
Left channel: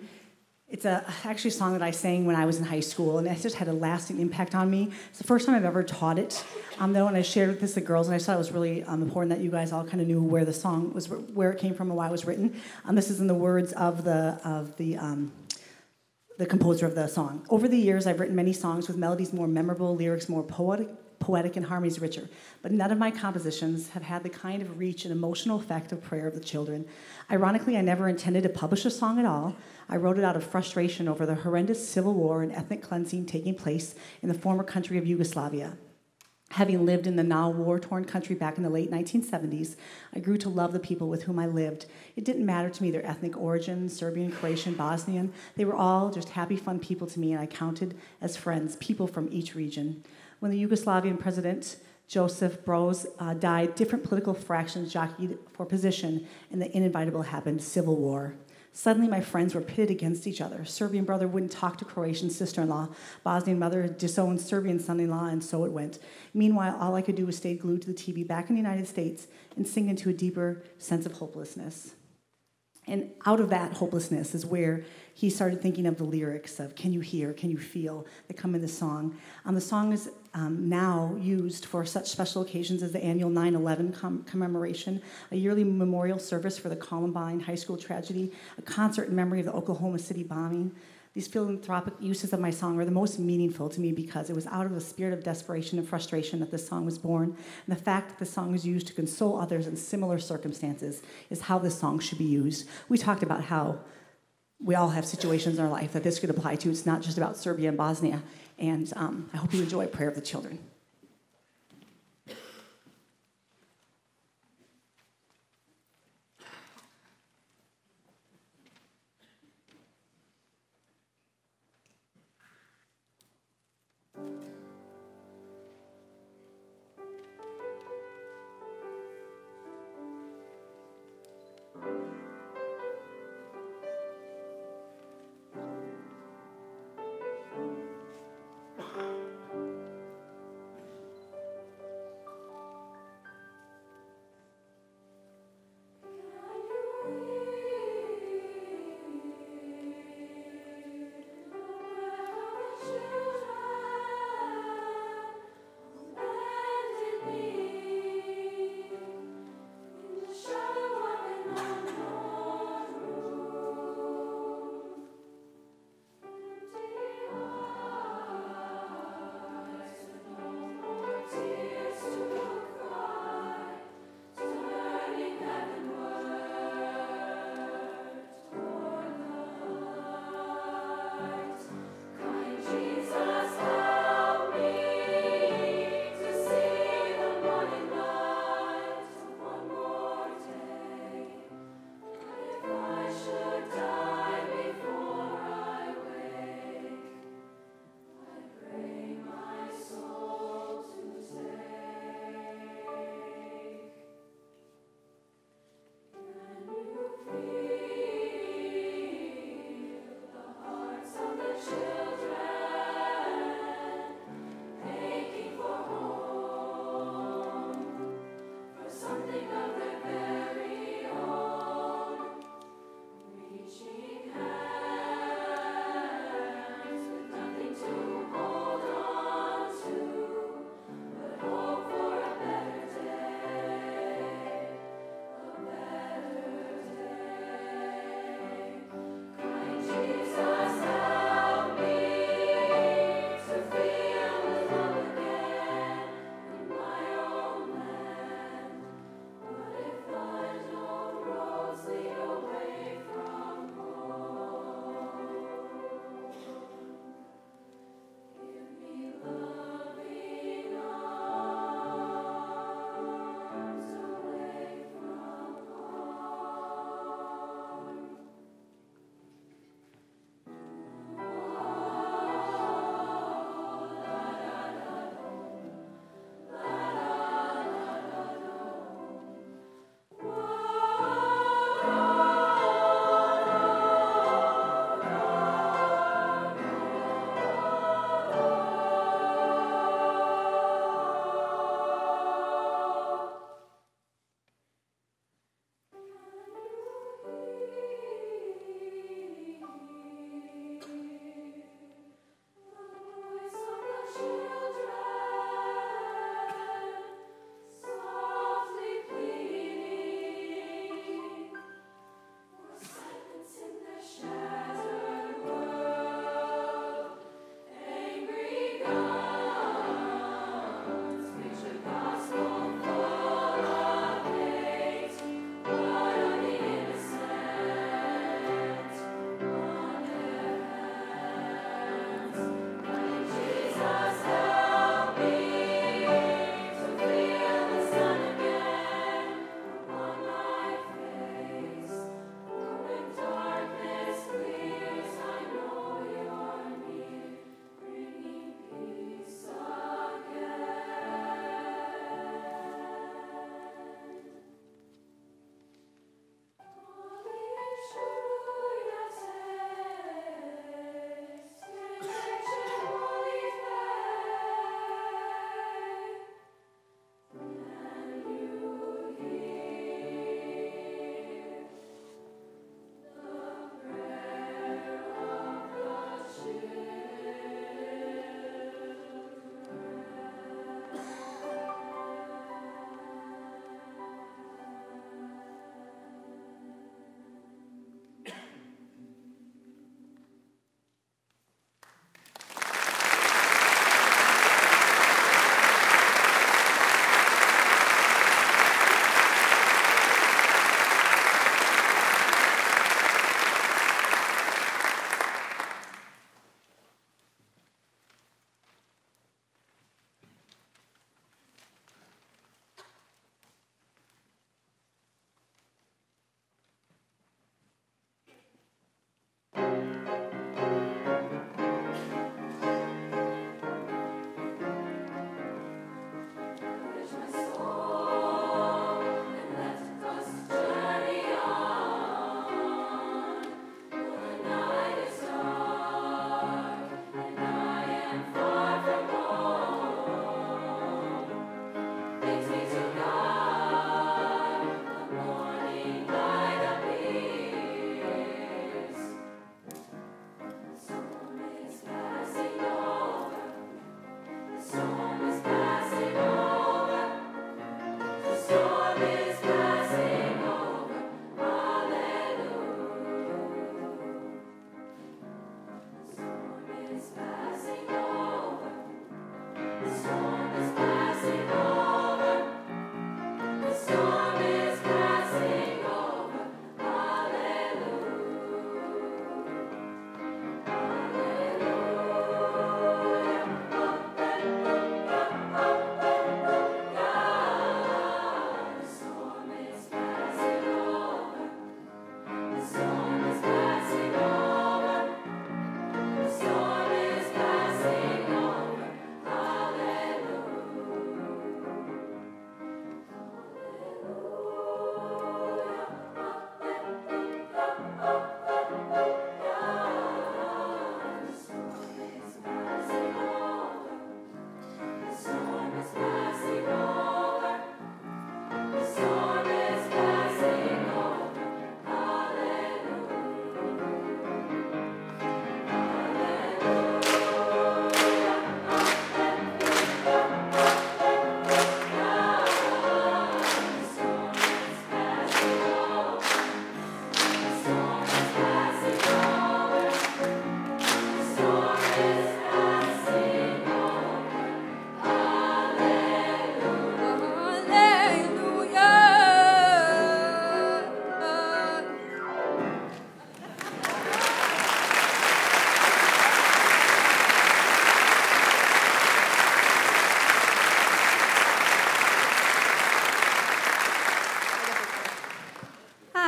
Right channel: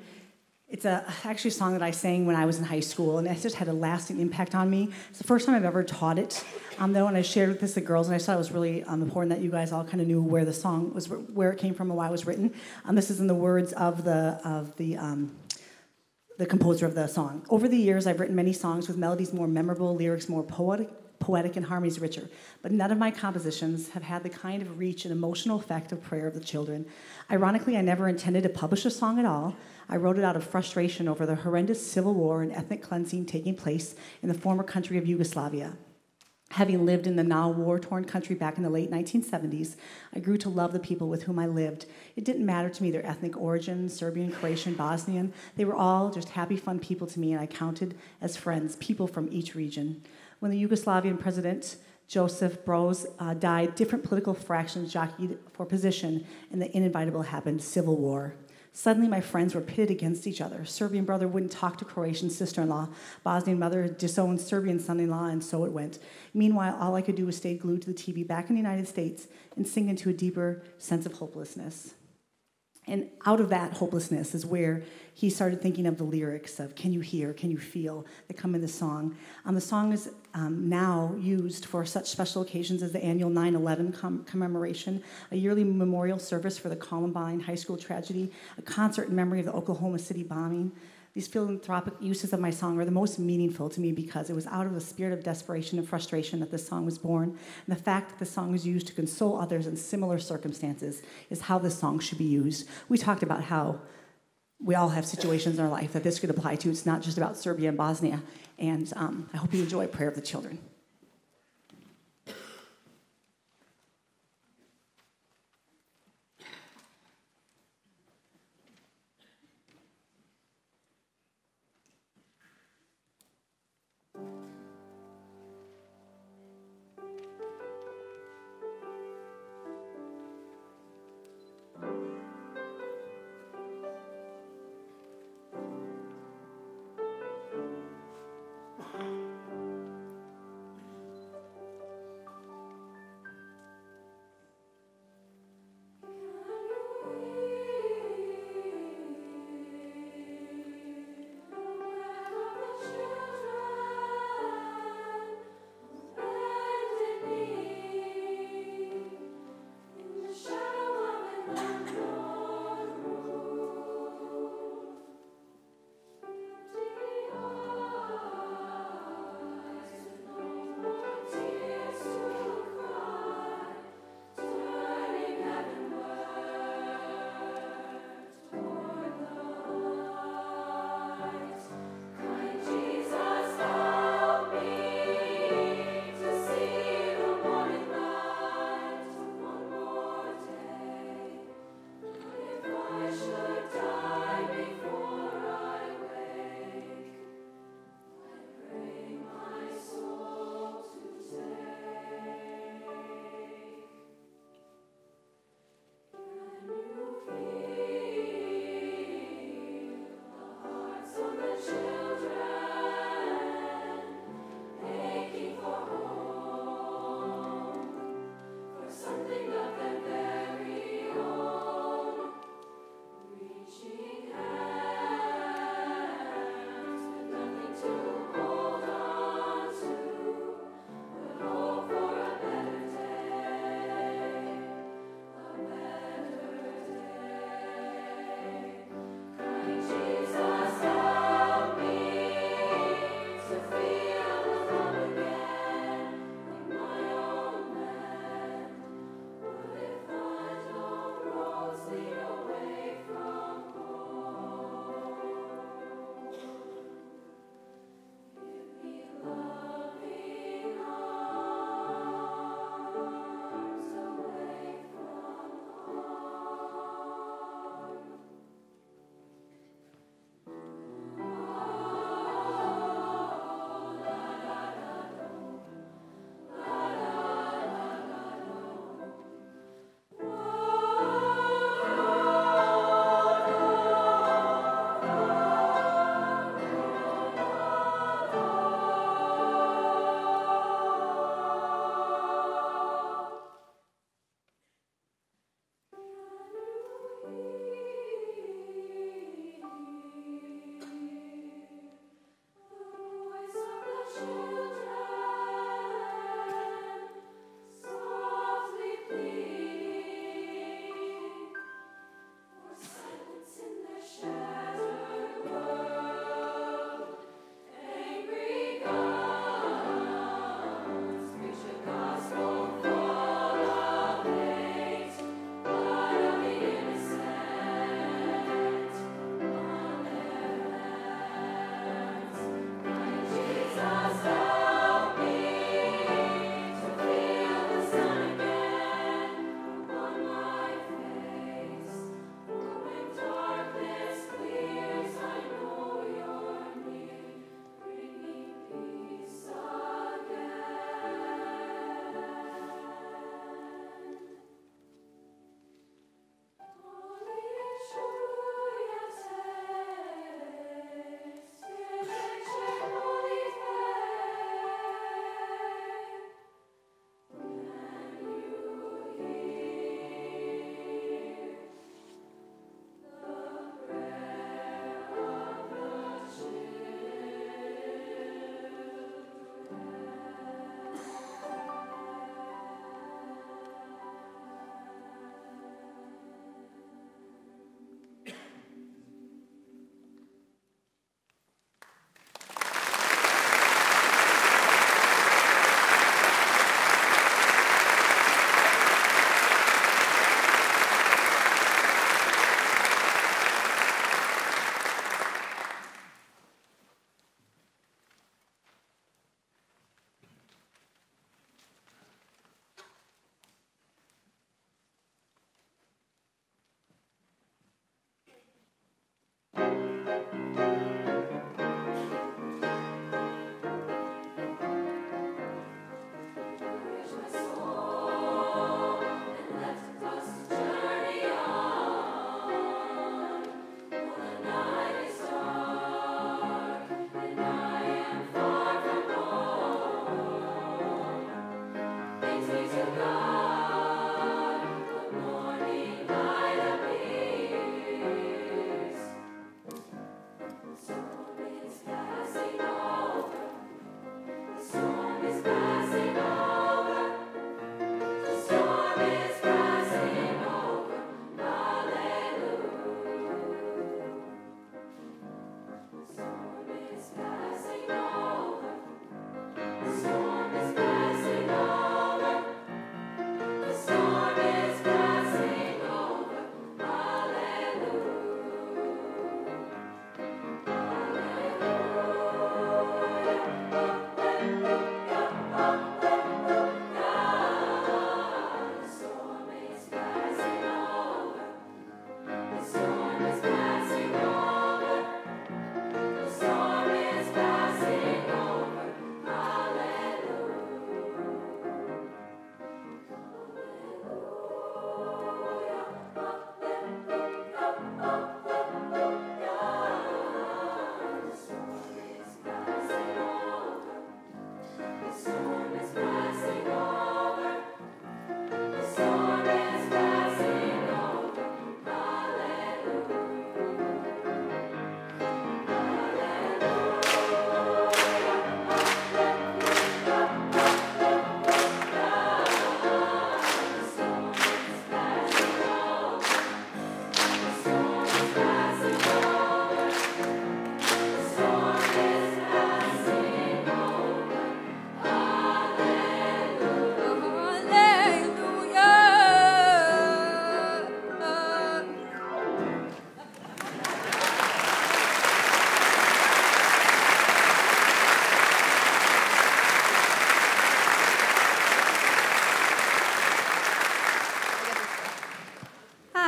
It's actually a song that I sang when I was in high school, and it just had a lasting impact on me. It's the first time I've ever taught it, though, and I shared with the girls, and I thought it was really important that you guys all kind of knew where the song was, where it came from, and why it was written. This is in the words of the composer of the song. Over the years, I've written many songs with melodies more memorable, lyrics more poetic, and harmonies richer. But none of my compositions have had the kind of reach and emotional effect of Prayer of the Children. Ironically, I never intended to publish a song at all. I wrote it out of frustration over the horrendous civil war and ethnic cleansing taking place in the former country of Yugoslavia. Having lived in the now war-torn country back in the late 1970s, I grew to love the people with whom I lived. It didn't matter to me their ethnic origin, Serbian, Croatian, Bosnian. They were all just happy, fun people to me, and I counted as friends, people from each region. When the Yugoslavian president, Joseph Broz, died, different political fractions jockeyed for position, and the inevitable happened, civil war. Suddenly, my friends were pitted against each other. Serbian brother wouldn't talk to Croatian sister-in-law. Bosnian mother disowned Serbian son-in-law, and so it went. Meanwhile, all I could do was stay glued to the TV back in the United States and sink into a deeper sense of hopelessness. And out of that hopelessness is where he started thinking of the lyrics of "Can you hear, can you feel" that come in the song. The song is now used for such special occasions as the annual 9/11 commemoration, a yearly memorial service for the Columbine High School tragedy, a concert in memory of the Oklahoma City bombing. These philanthropic uses of my song are the most meaningful to me because it was out of a spirit of desperation and frustration that this song was born. And the fact that the song is used to console others in similar circumstances is how this song should be used. We talked about how we all have situations in our life that this could apply to. It's not just about Serbia and Bosnia. And I hope you enjoy Prayer of the Children.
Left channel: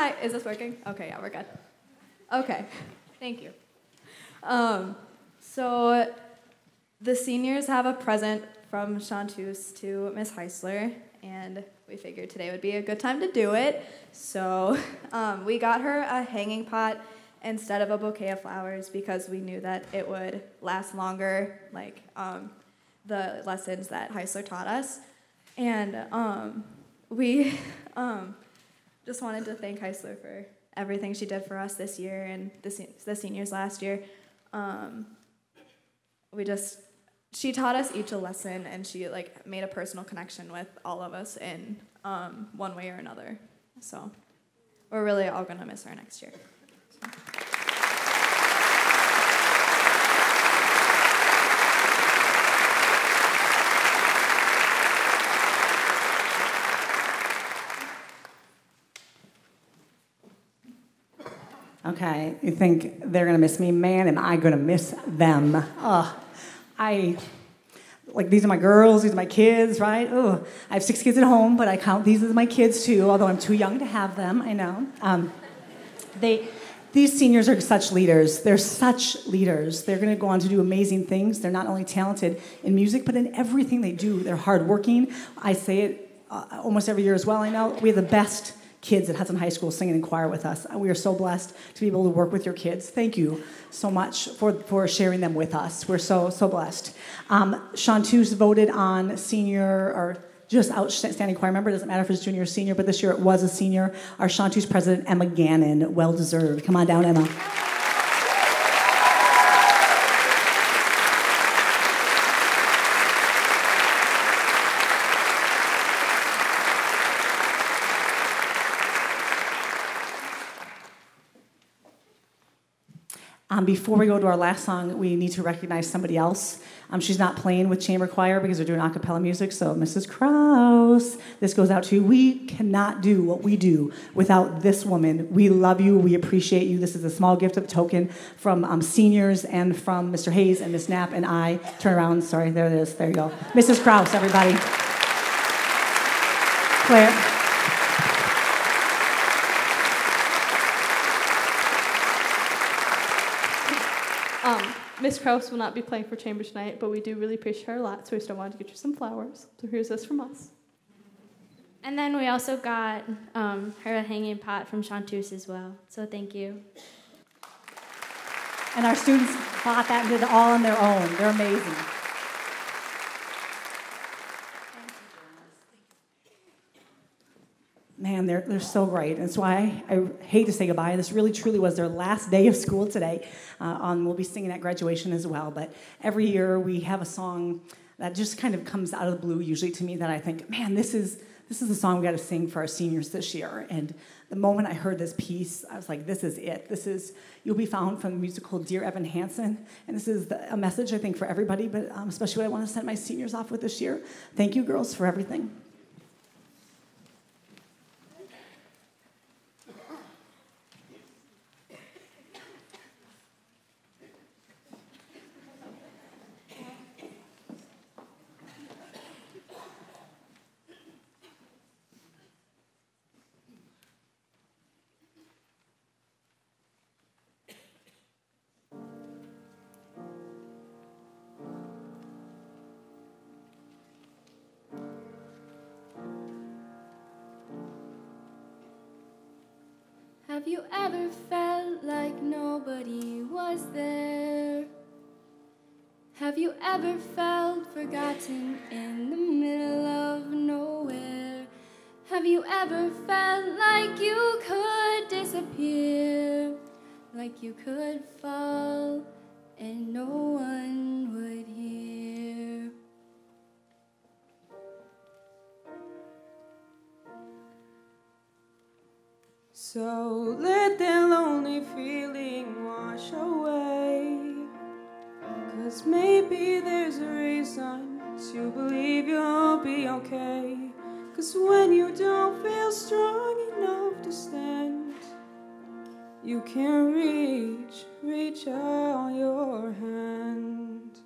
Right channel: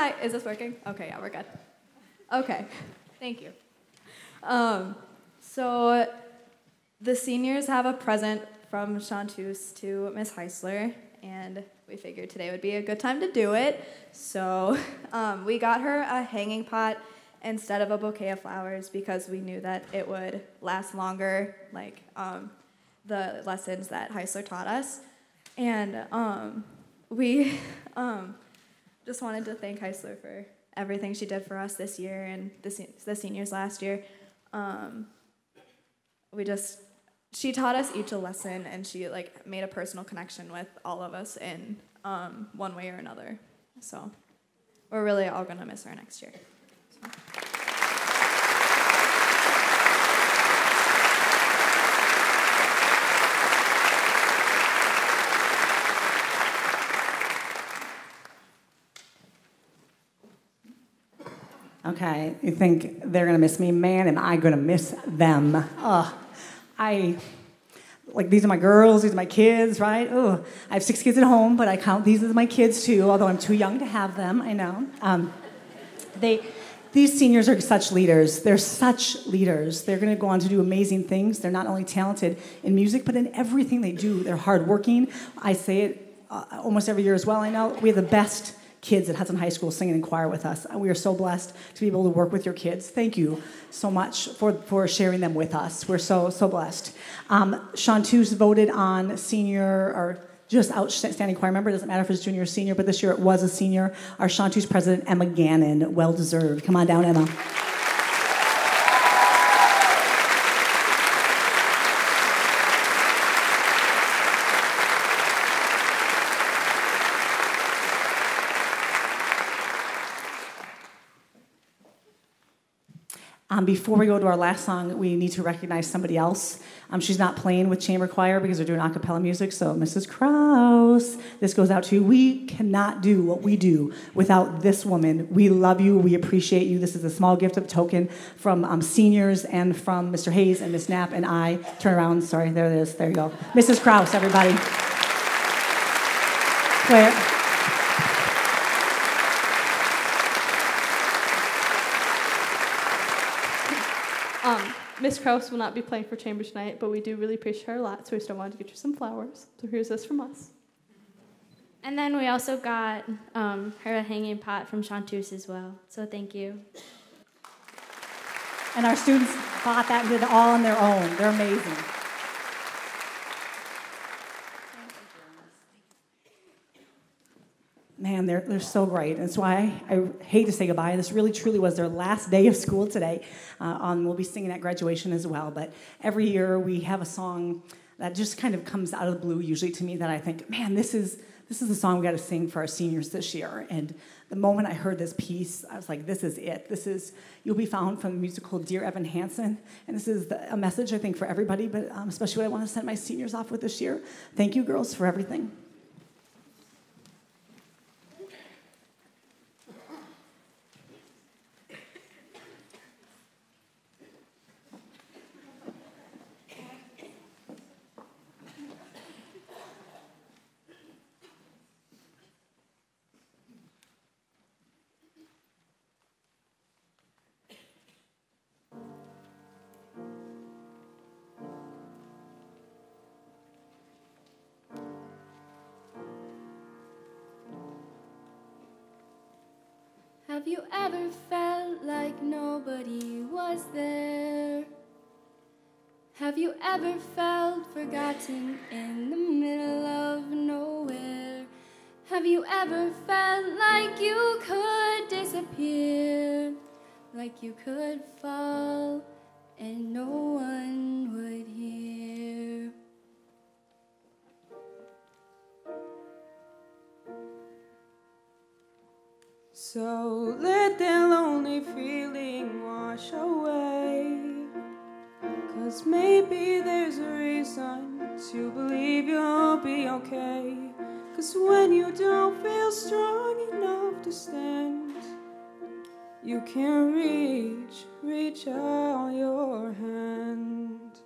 Hi, is this working? Okay, yeah, we're good. Okay, thank you. So the seniors have a present from Chanteuse to Miss Heisler, and we figured today would be a good time to do it. So we got her a hanging pot instead of a bouquet of flowers because we knew that it would last longer, like the lessons that Heisler taught us. And we just wanted to thank Heisler for everything she did for us this year and the seniors last year. She taught us each a lesson, and she like made a personal connection with all of us in one way or another. So we're really all gonna miss her next year. So. Okay, you think they're gonna miss me? Man, am I gonna miss them. These are my girls, these are my kids, right? I have 6 kids at home, but I count these as my kids too, although I'm too young to have them, I know. These seniors are such leaders. They're such leaders. They're gonna go on to do amazing things. They're not only talented in music, but in everything they do. They're hardworking. I say it almost every year as well, I know. We have the best kids at Hudson High School singing in choir with us. We are so blessed to be able to work with your kids. Thank you so much for sharing them with us. We're so blessed. Chanteuse voted on senior or just outstanding choir member. It doesn't matter if it's junior or senior, but this year it was a senior. Our Chanteuse president, Emma Gannon, well deserved. Come on down, Emma. Before we go to our last song, we need to recognize somebody else. She's not playing with chamber choir because they're doing a cappella music, so Mrs. Krause, this goes out to you. We cannot do what we do without this woman. We love you. We appreciate you. This is a small gift of token from seniors and from Mr. Hayes and Miss Knapp and I. Turn around. Sorry, there it is. There you go. Mrs. Krause, everybody. Claire. Miss Krause will not be playing for chamber tonight, but we do really appreciate her a lot, so we still wanted to get you some flowers. So here's this from us. And then we also got her a hanging pot from Chanteuse as well, so thank you. And our students bought that and did it all on their own. They're amazing. Man, they're so great. And that's why I hate to say goodbye. This really, truly was their last day of school today. We'll be singing at graduation as well. But every year we have a song that just kind of comes out of the blue, usually to me, that I think, man, this is the song we got to sing for our seniors this year. And the moment I heard this piece, I was like, this is it. This is You'll Be Found from the musical Dear Evan Hansen. And this is a message, I think, for everybody, but especially what I want to send my seniors off with this year. Thank you, girls, for everything. Have you ever felt like nobody was there? Have you ever felt forgotten in the middle of nowhere? Have you ever felt like you could disappear? Like you could fall and no one would hear? So let that lonely feeling wash away, 'cause maybe there's a reason to believe you'll be okay. 'Cause when you don't feel strong enough to stand, you can reach out your hand.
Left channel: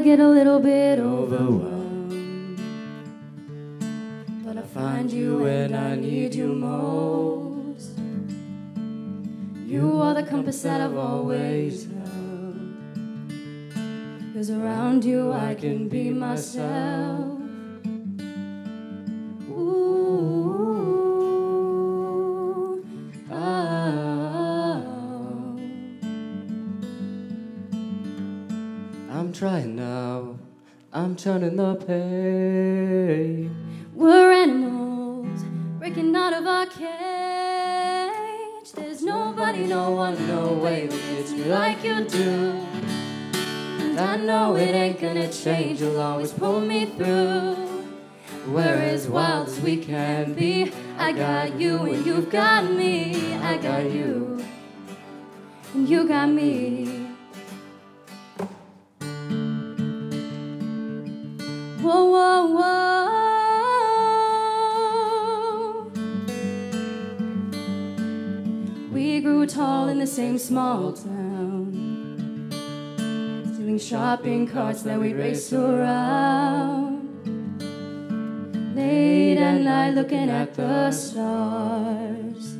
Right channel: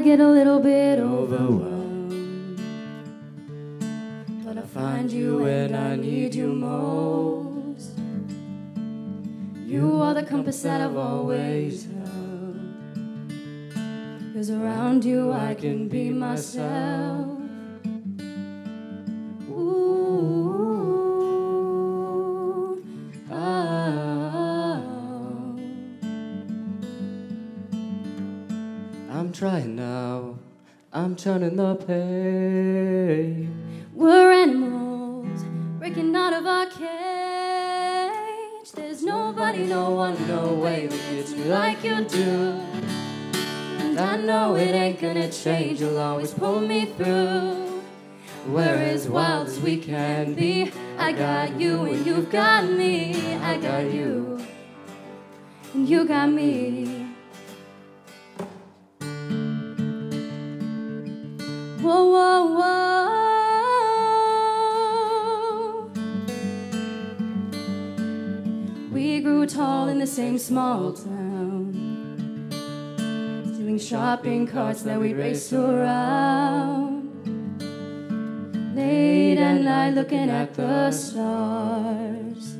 I get a little bit overwhelmed, but I find you when I need you most. You are the compass that I've always held, 'cause around you I can be myself. Ooh, oh. I'm trying now, I'm turning the page. We're animals breaking out of our cage. There's nobody, no one, no way who gets me like you do. And I know it ain't gonna change, you'll always pull me through. We're as wild as we can be. I got you and you've got me. I got you and you got me. Whoa, whoa, whoa. We grew tall in the same small town, stealing shopping carts that we'd race around. Late at night looking at the stars,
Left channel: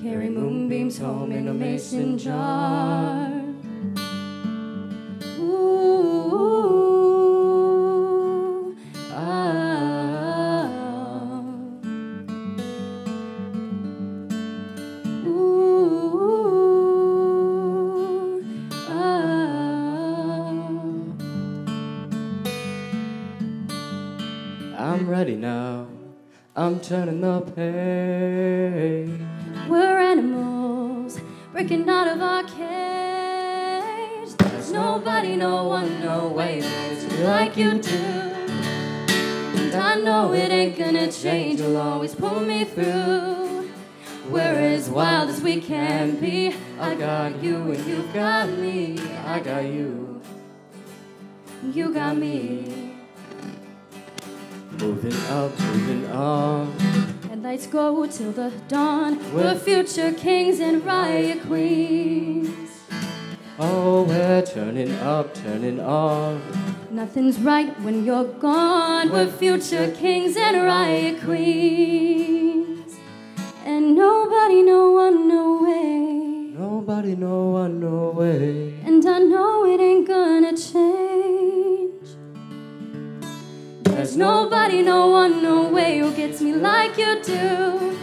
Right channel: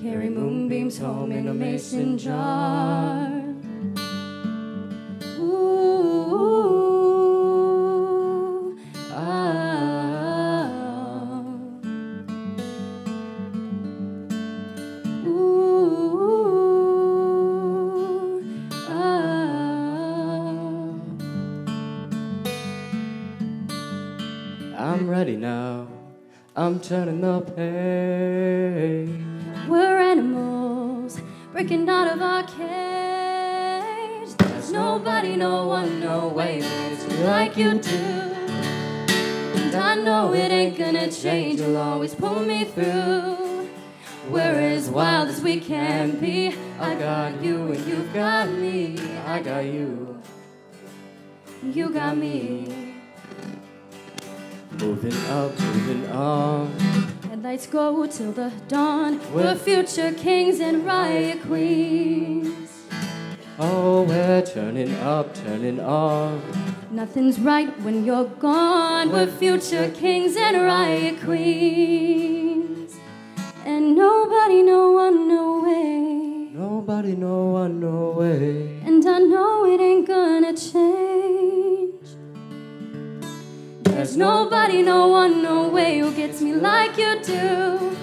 carry moonbeams home in a mason jar. Ooh, ah, ooh, ah. I'm ready now, I'm turning the page. We're animals breaking out of our cage. There's nobody, no one, no way makes me like you do. And I know it ain't gonna change, you'll always pull me through. We're as wild as we can be. I got you and you've got me. I got you, you got me. Moving up, moving on. Headlights go till the dawn. We're future kings and riot queens. Oh, we're turning up, turning on. Nothing's right when you're gone. We're future kings and riot queens. And nobody, no one, no way. Nobody, no one, no way. And I know it ain't gonna change. There's nobody, no one, no way who gets me like you do.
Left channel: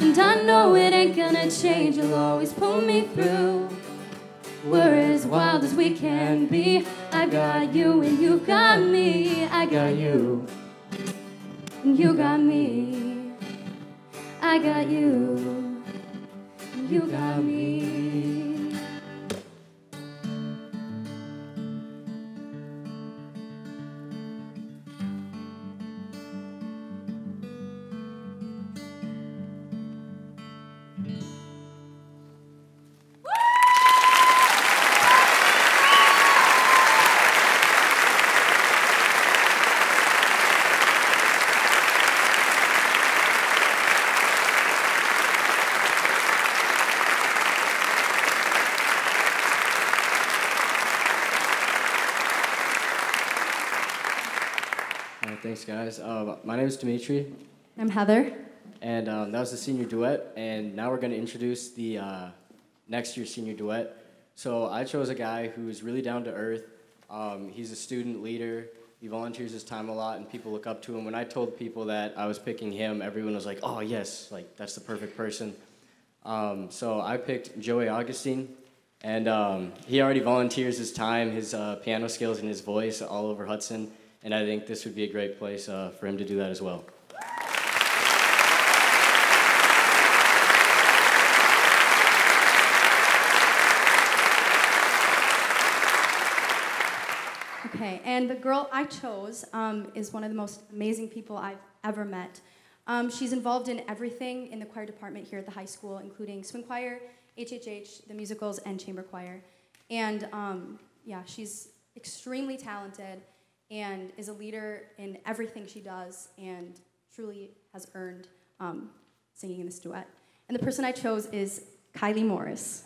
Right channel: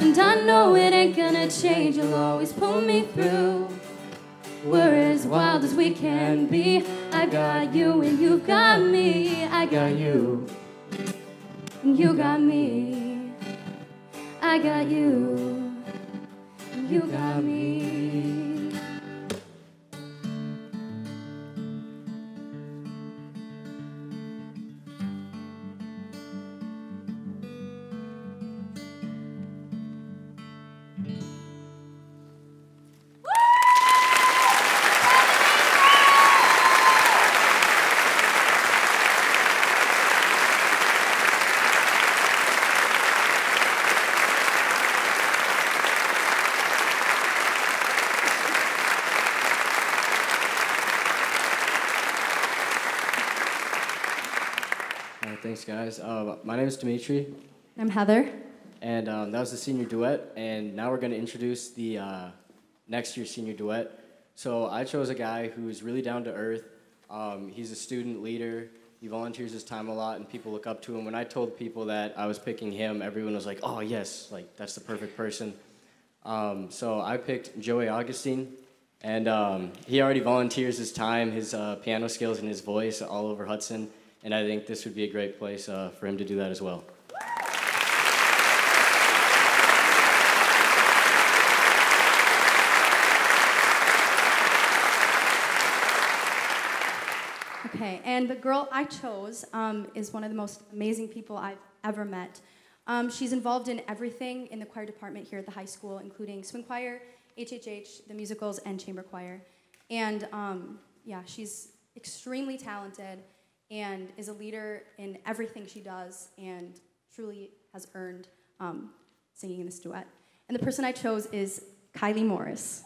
And I know it ain't gonna change, you'll always pull me through. We're as wild as we can be. I got you and you've got me. I got you and you got me. I got you and you got me. Thanks, guys. My name is Dimitri, I'm Heather. and that was the senior duet. And now we're going to introduce the next year's senior duet. So I chose a guy who's really down to earth. He's a student leader. He volunteers his time a lot, and people look up to him. When I told people that I was picking him, everyone was like, "Oh yes, like that's the perfect person." So I picked Joey Augustine, and he already volunteers his time, his piano skills, and his voice all over Hudson. And I think this would be a great place for him to do that as well. Okay, and the girl I chose is one of the most amazing people I've ever met. She's involved in everything in the choir department here at the high school, including swing choir, HHH, the musicals, and chamber choir. And yeah, she's extremely talented and is a leader in everything she does and truly has earned singing in this duet. And the person I chose is Kylie Morris.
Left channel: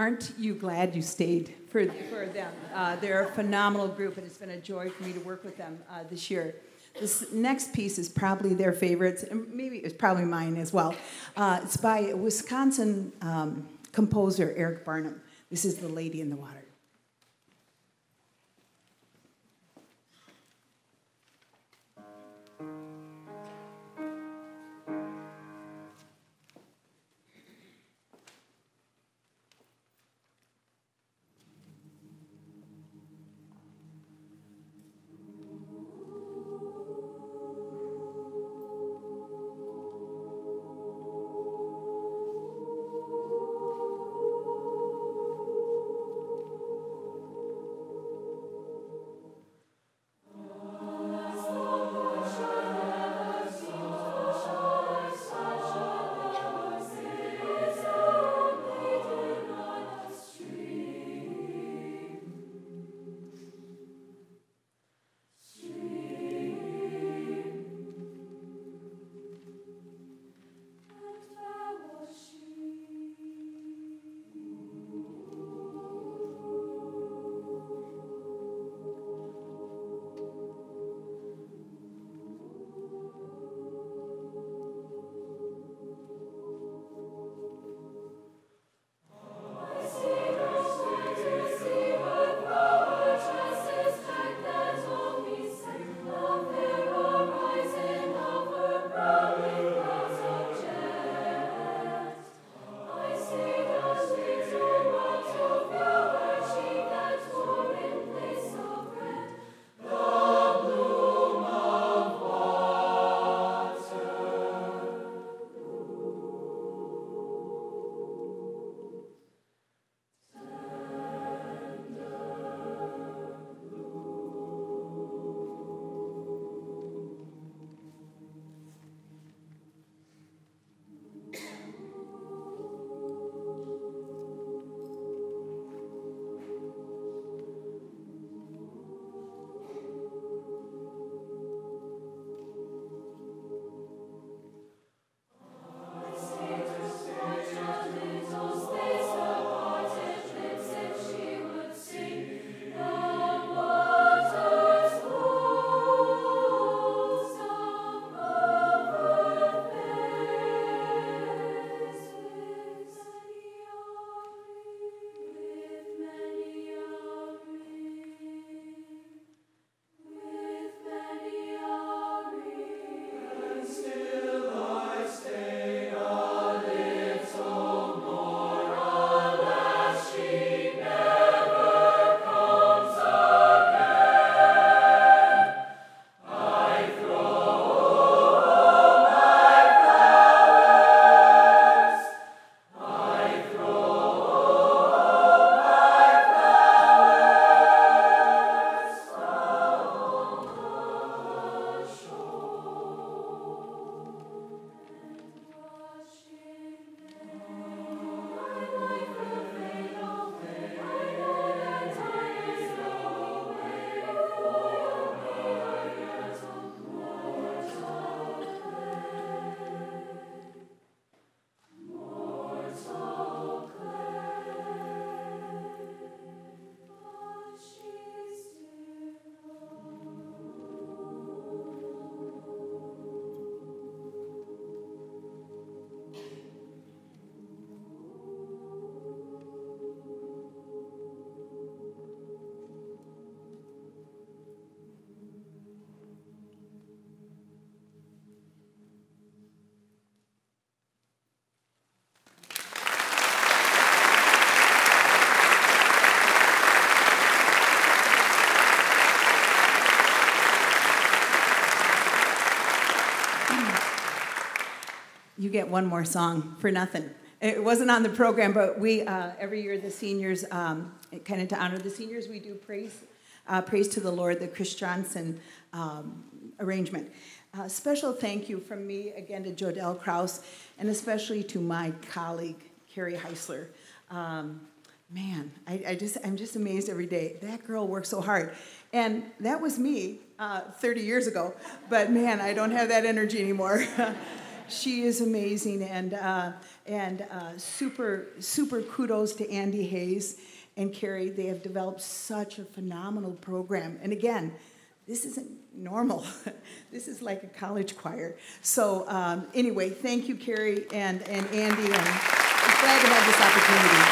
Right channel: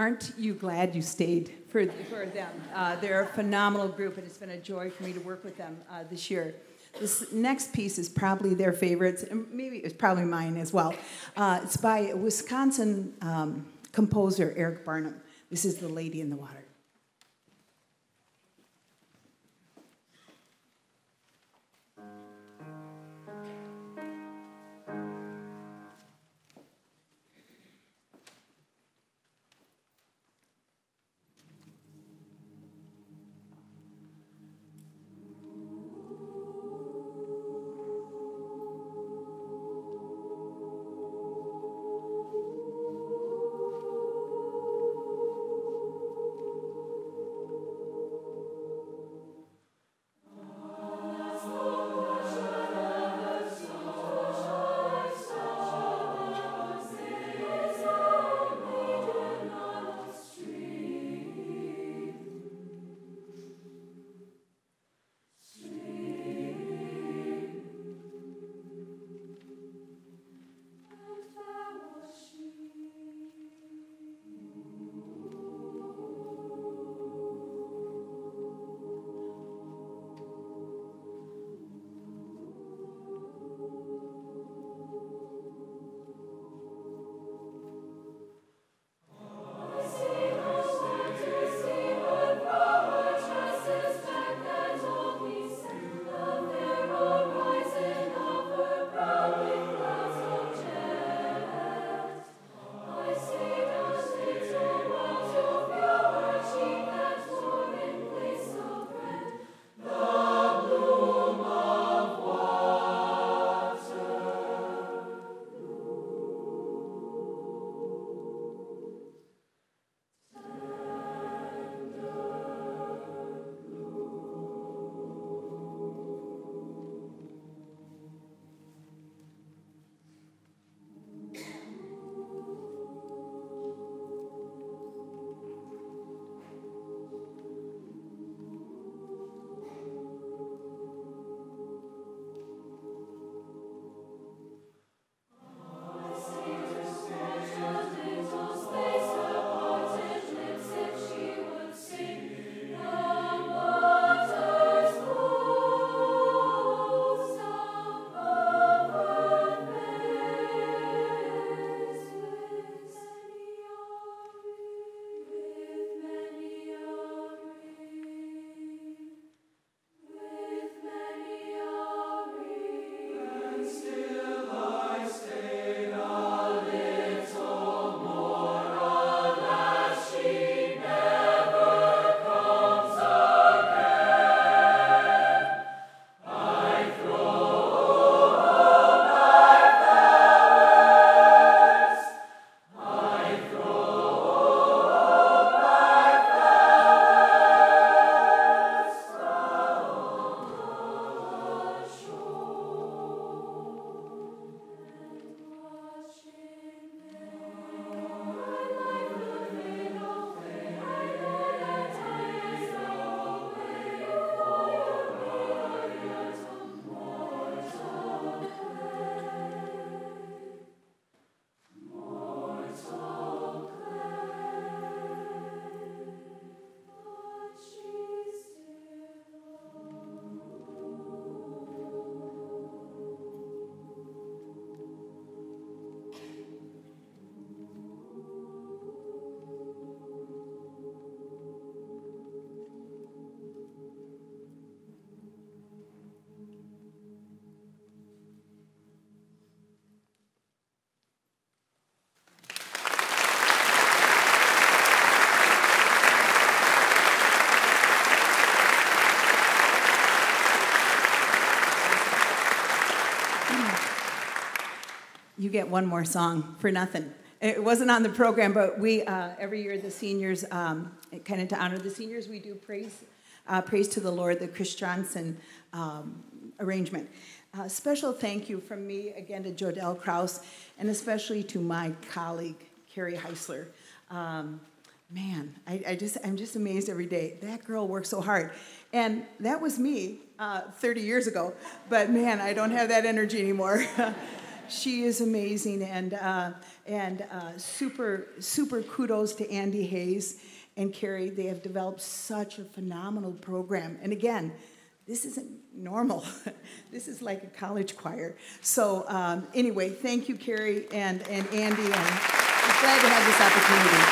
aren't you glad you stayed for them? They're a phenomenal group, and it's been a joy for me to work with them this year. This next piece is probably their favorites, and maybe it's probably mine as well. It's by a Wisconsin composer, Eric Barnum. This is The Lady in the Water. You get one more song for nothing. It wasn't on the program, but we, every year, the seniors, kind of to honor the seniors, we do praise to the Lord, the Chris Johnson arrangement. Special thank you from me, again, to Jodelle Krause, and especially to my colleague, Carrie Heisler. Man, I'm just amazed every day. That girl works so hard. And that was me 30 years ago. But man, I don't have that energy anymore. She is amazing, and super kudos to Andy Hayes and Carrie. They have developed such a phenomenal program. And again, this isn't normal. This is like a college choir. So anyway, thank you, Carrie and Andy, and I'm glad to have this opportunity.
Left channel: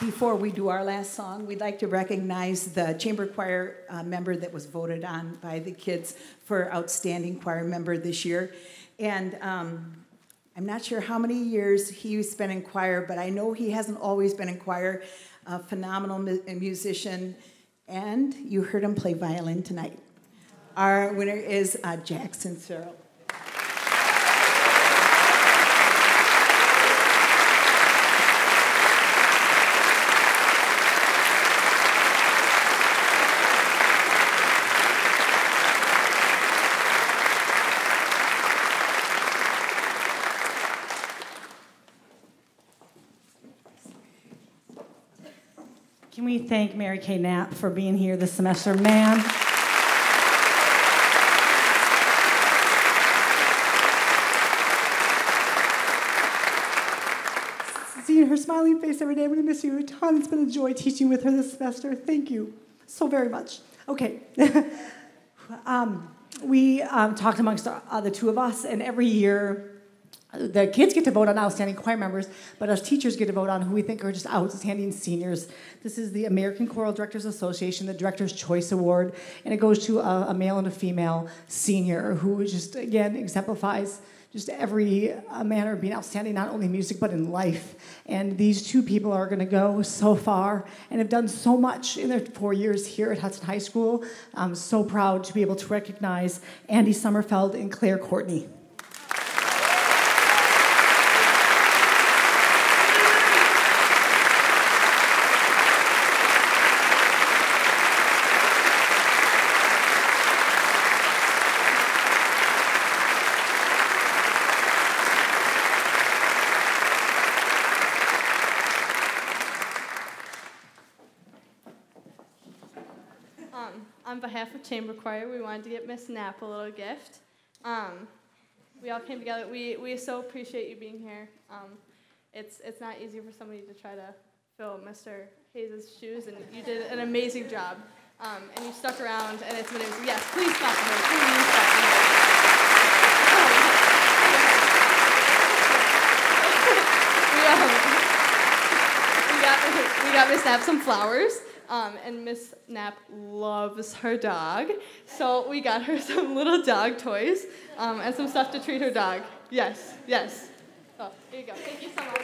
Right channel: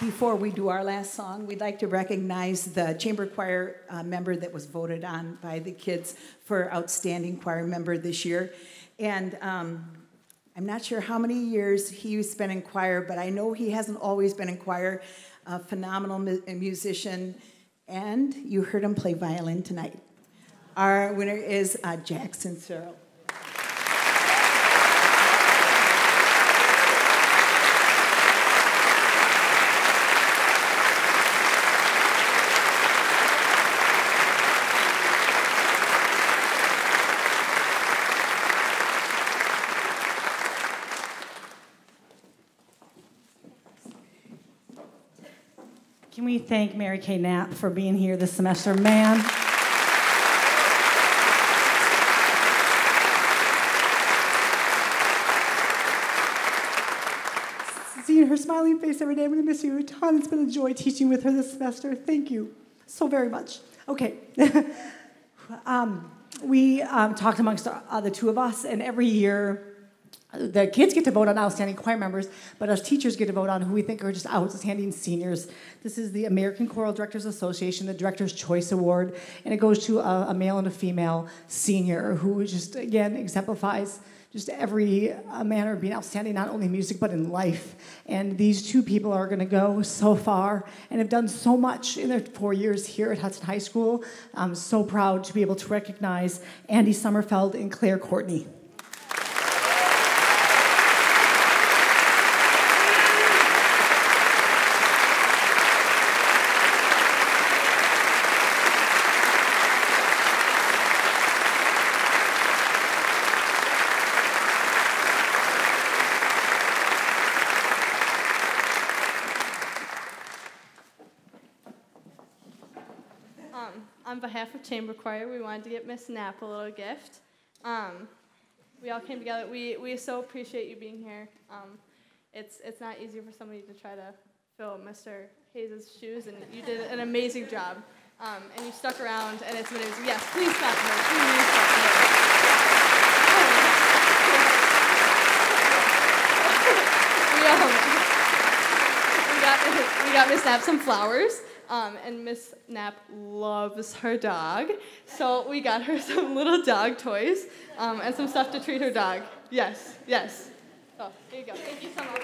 Before we do our last song, we'd like to recognize the chamber choir member that was voted on by the kids for outstanding choir member this year. And I'm not sure how many years he's spent in choir, but I know he hasn't always been in choir. A phenomenal musician, and you heard him play violin tonight. Our winner is Jackson Searle. Can we thank Mary Kay Knapp for being here this semester, man? Seeing her smiling face every day, I'm going to miss you a ton. It's been a joy teaching with her this semester. Thank you so very much. Okay. We talked amongst the two of us, and every year, the kids get to vote on outstanding choir members, but us teachers get to vote on who we think are just outstanding seniors. This is the American Choral Directors Association, the Director's Choice Award, and it goes to a male and a female senior who just, again, exemplifies just every manner of being outstanding, not only in music, but in life. And these two people are going to go so far and have done so much in their 4 years here at Hudson High School. I'm so proud to be able to recognize Andy Sommerfeld and Claire Courtney. On behalf of Chamber Choir, we wanted to get Miss Knapp a little gift. We all came together. We so appreciate you being here. It's not easy for somebody to try to fill Mr. Hayes' shoes, and you did an amazing job. And you stuck around, and it's been amazing. Yes, please clap for her. Please clap for her. We got Miss Knapp some flowers. And Miss Knapp loves her dog, so we got her some little dog toys and some stuff to treat her dog. Yes, yes. So, here you go. Thank you so much.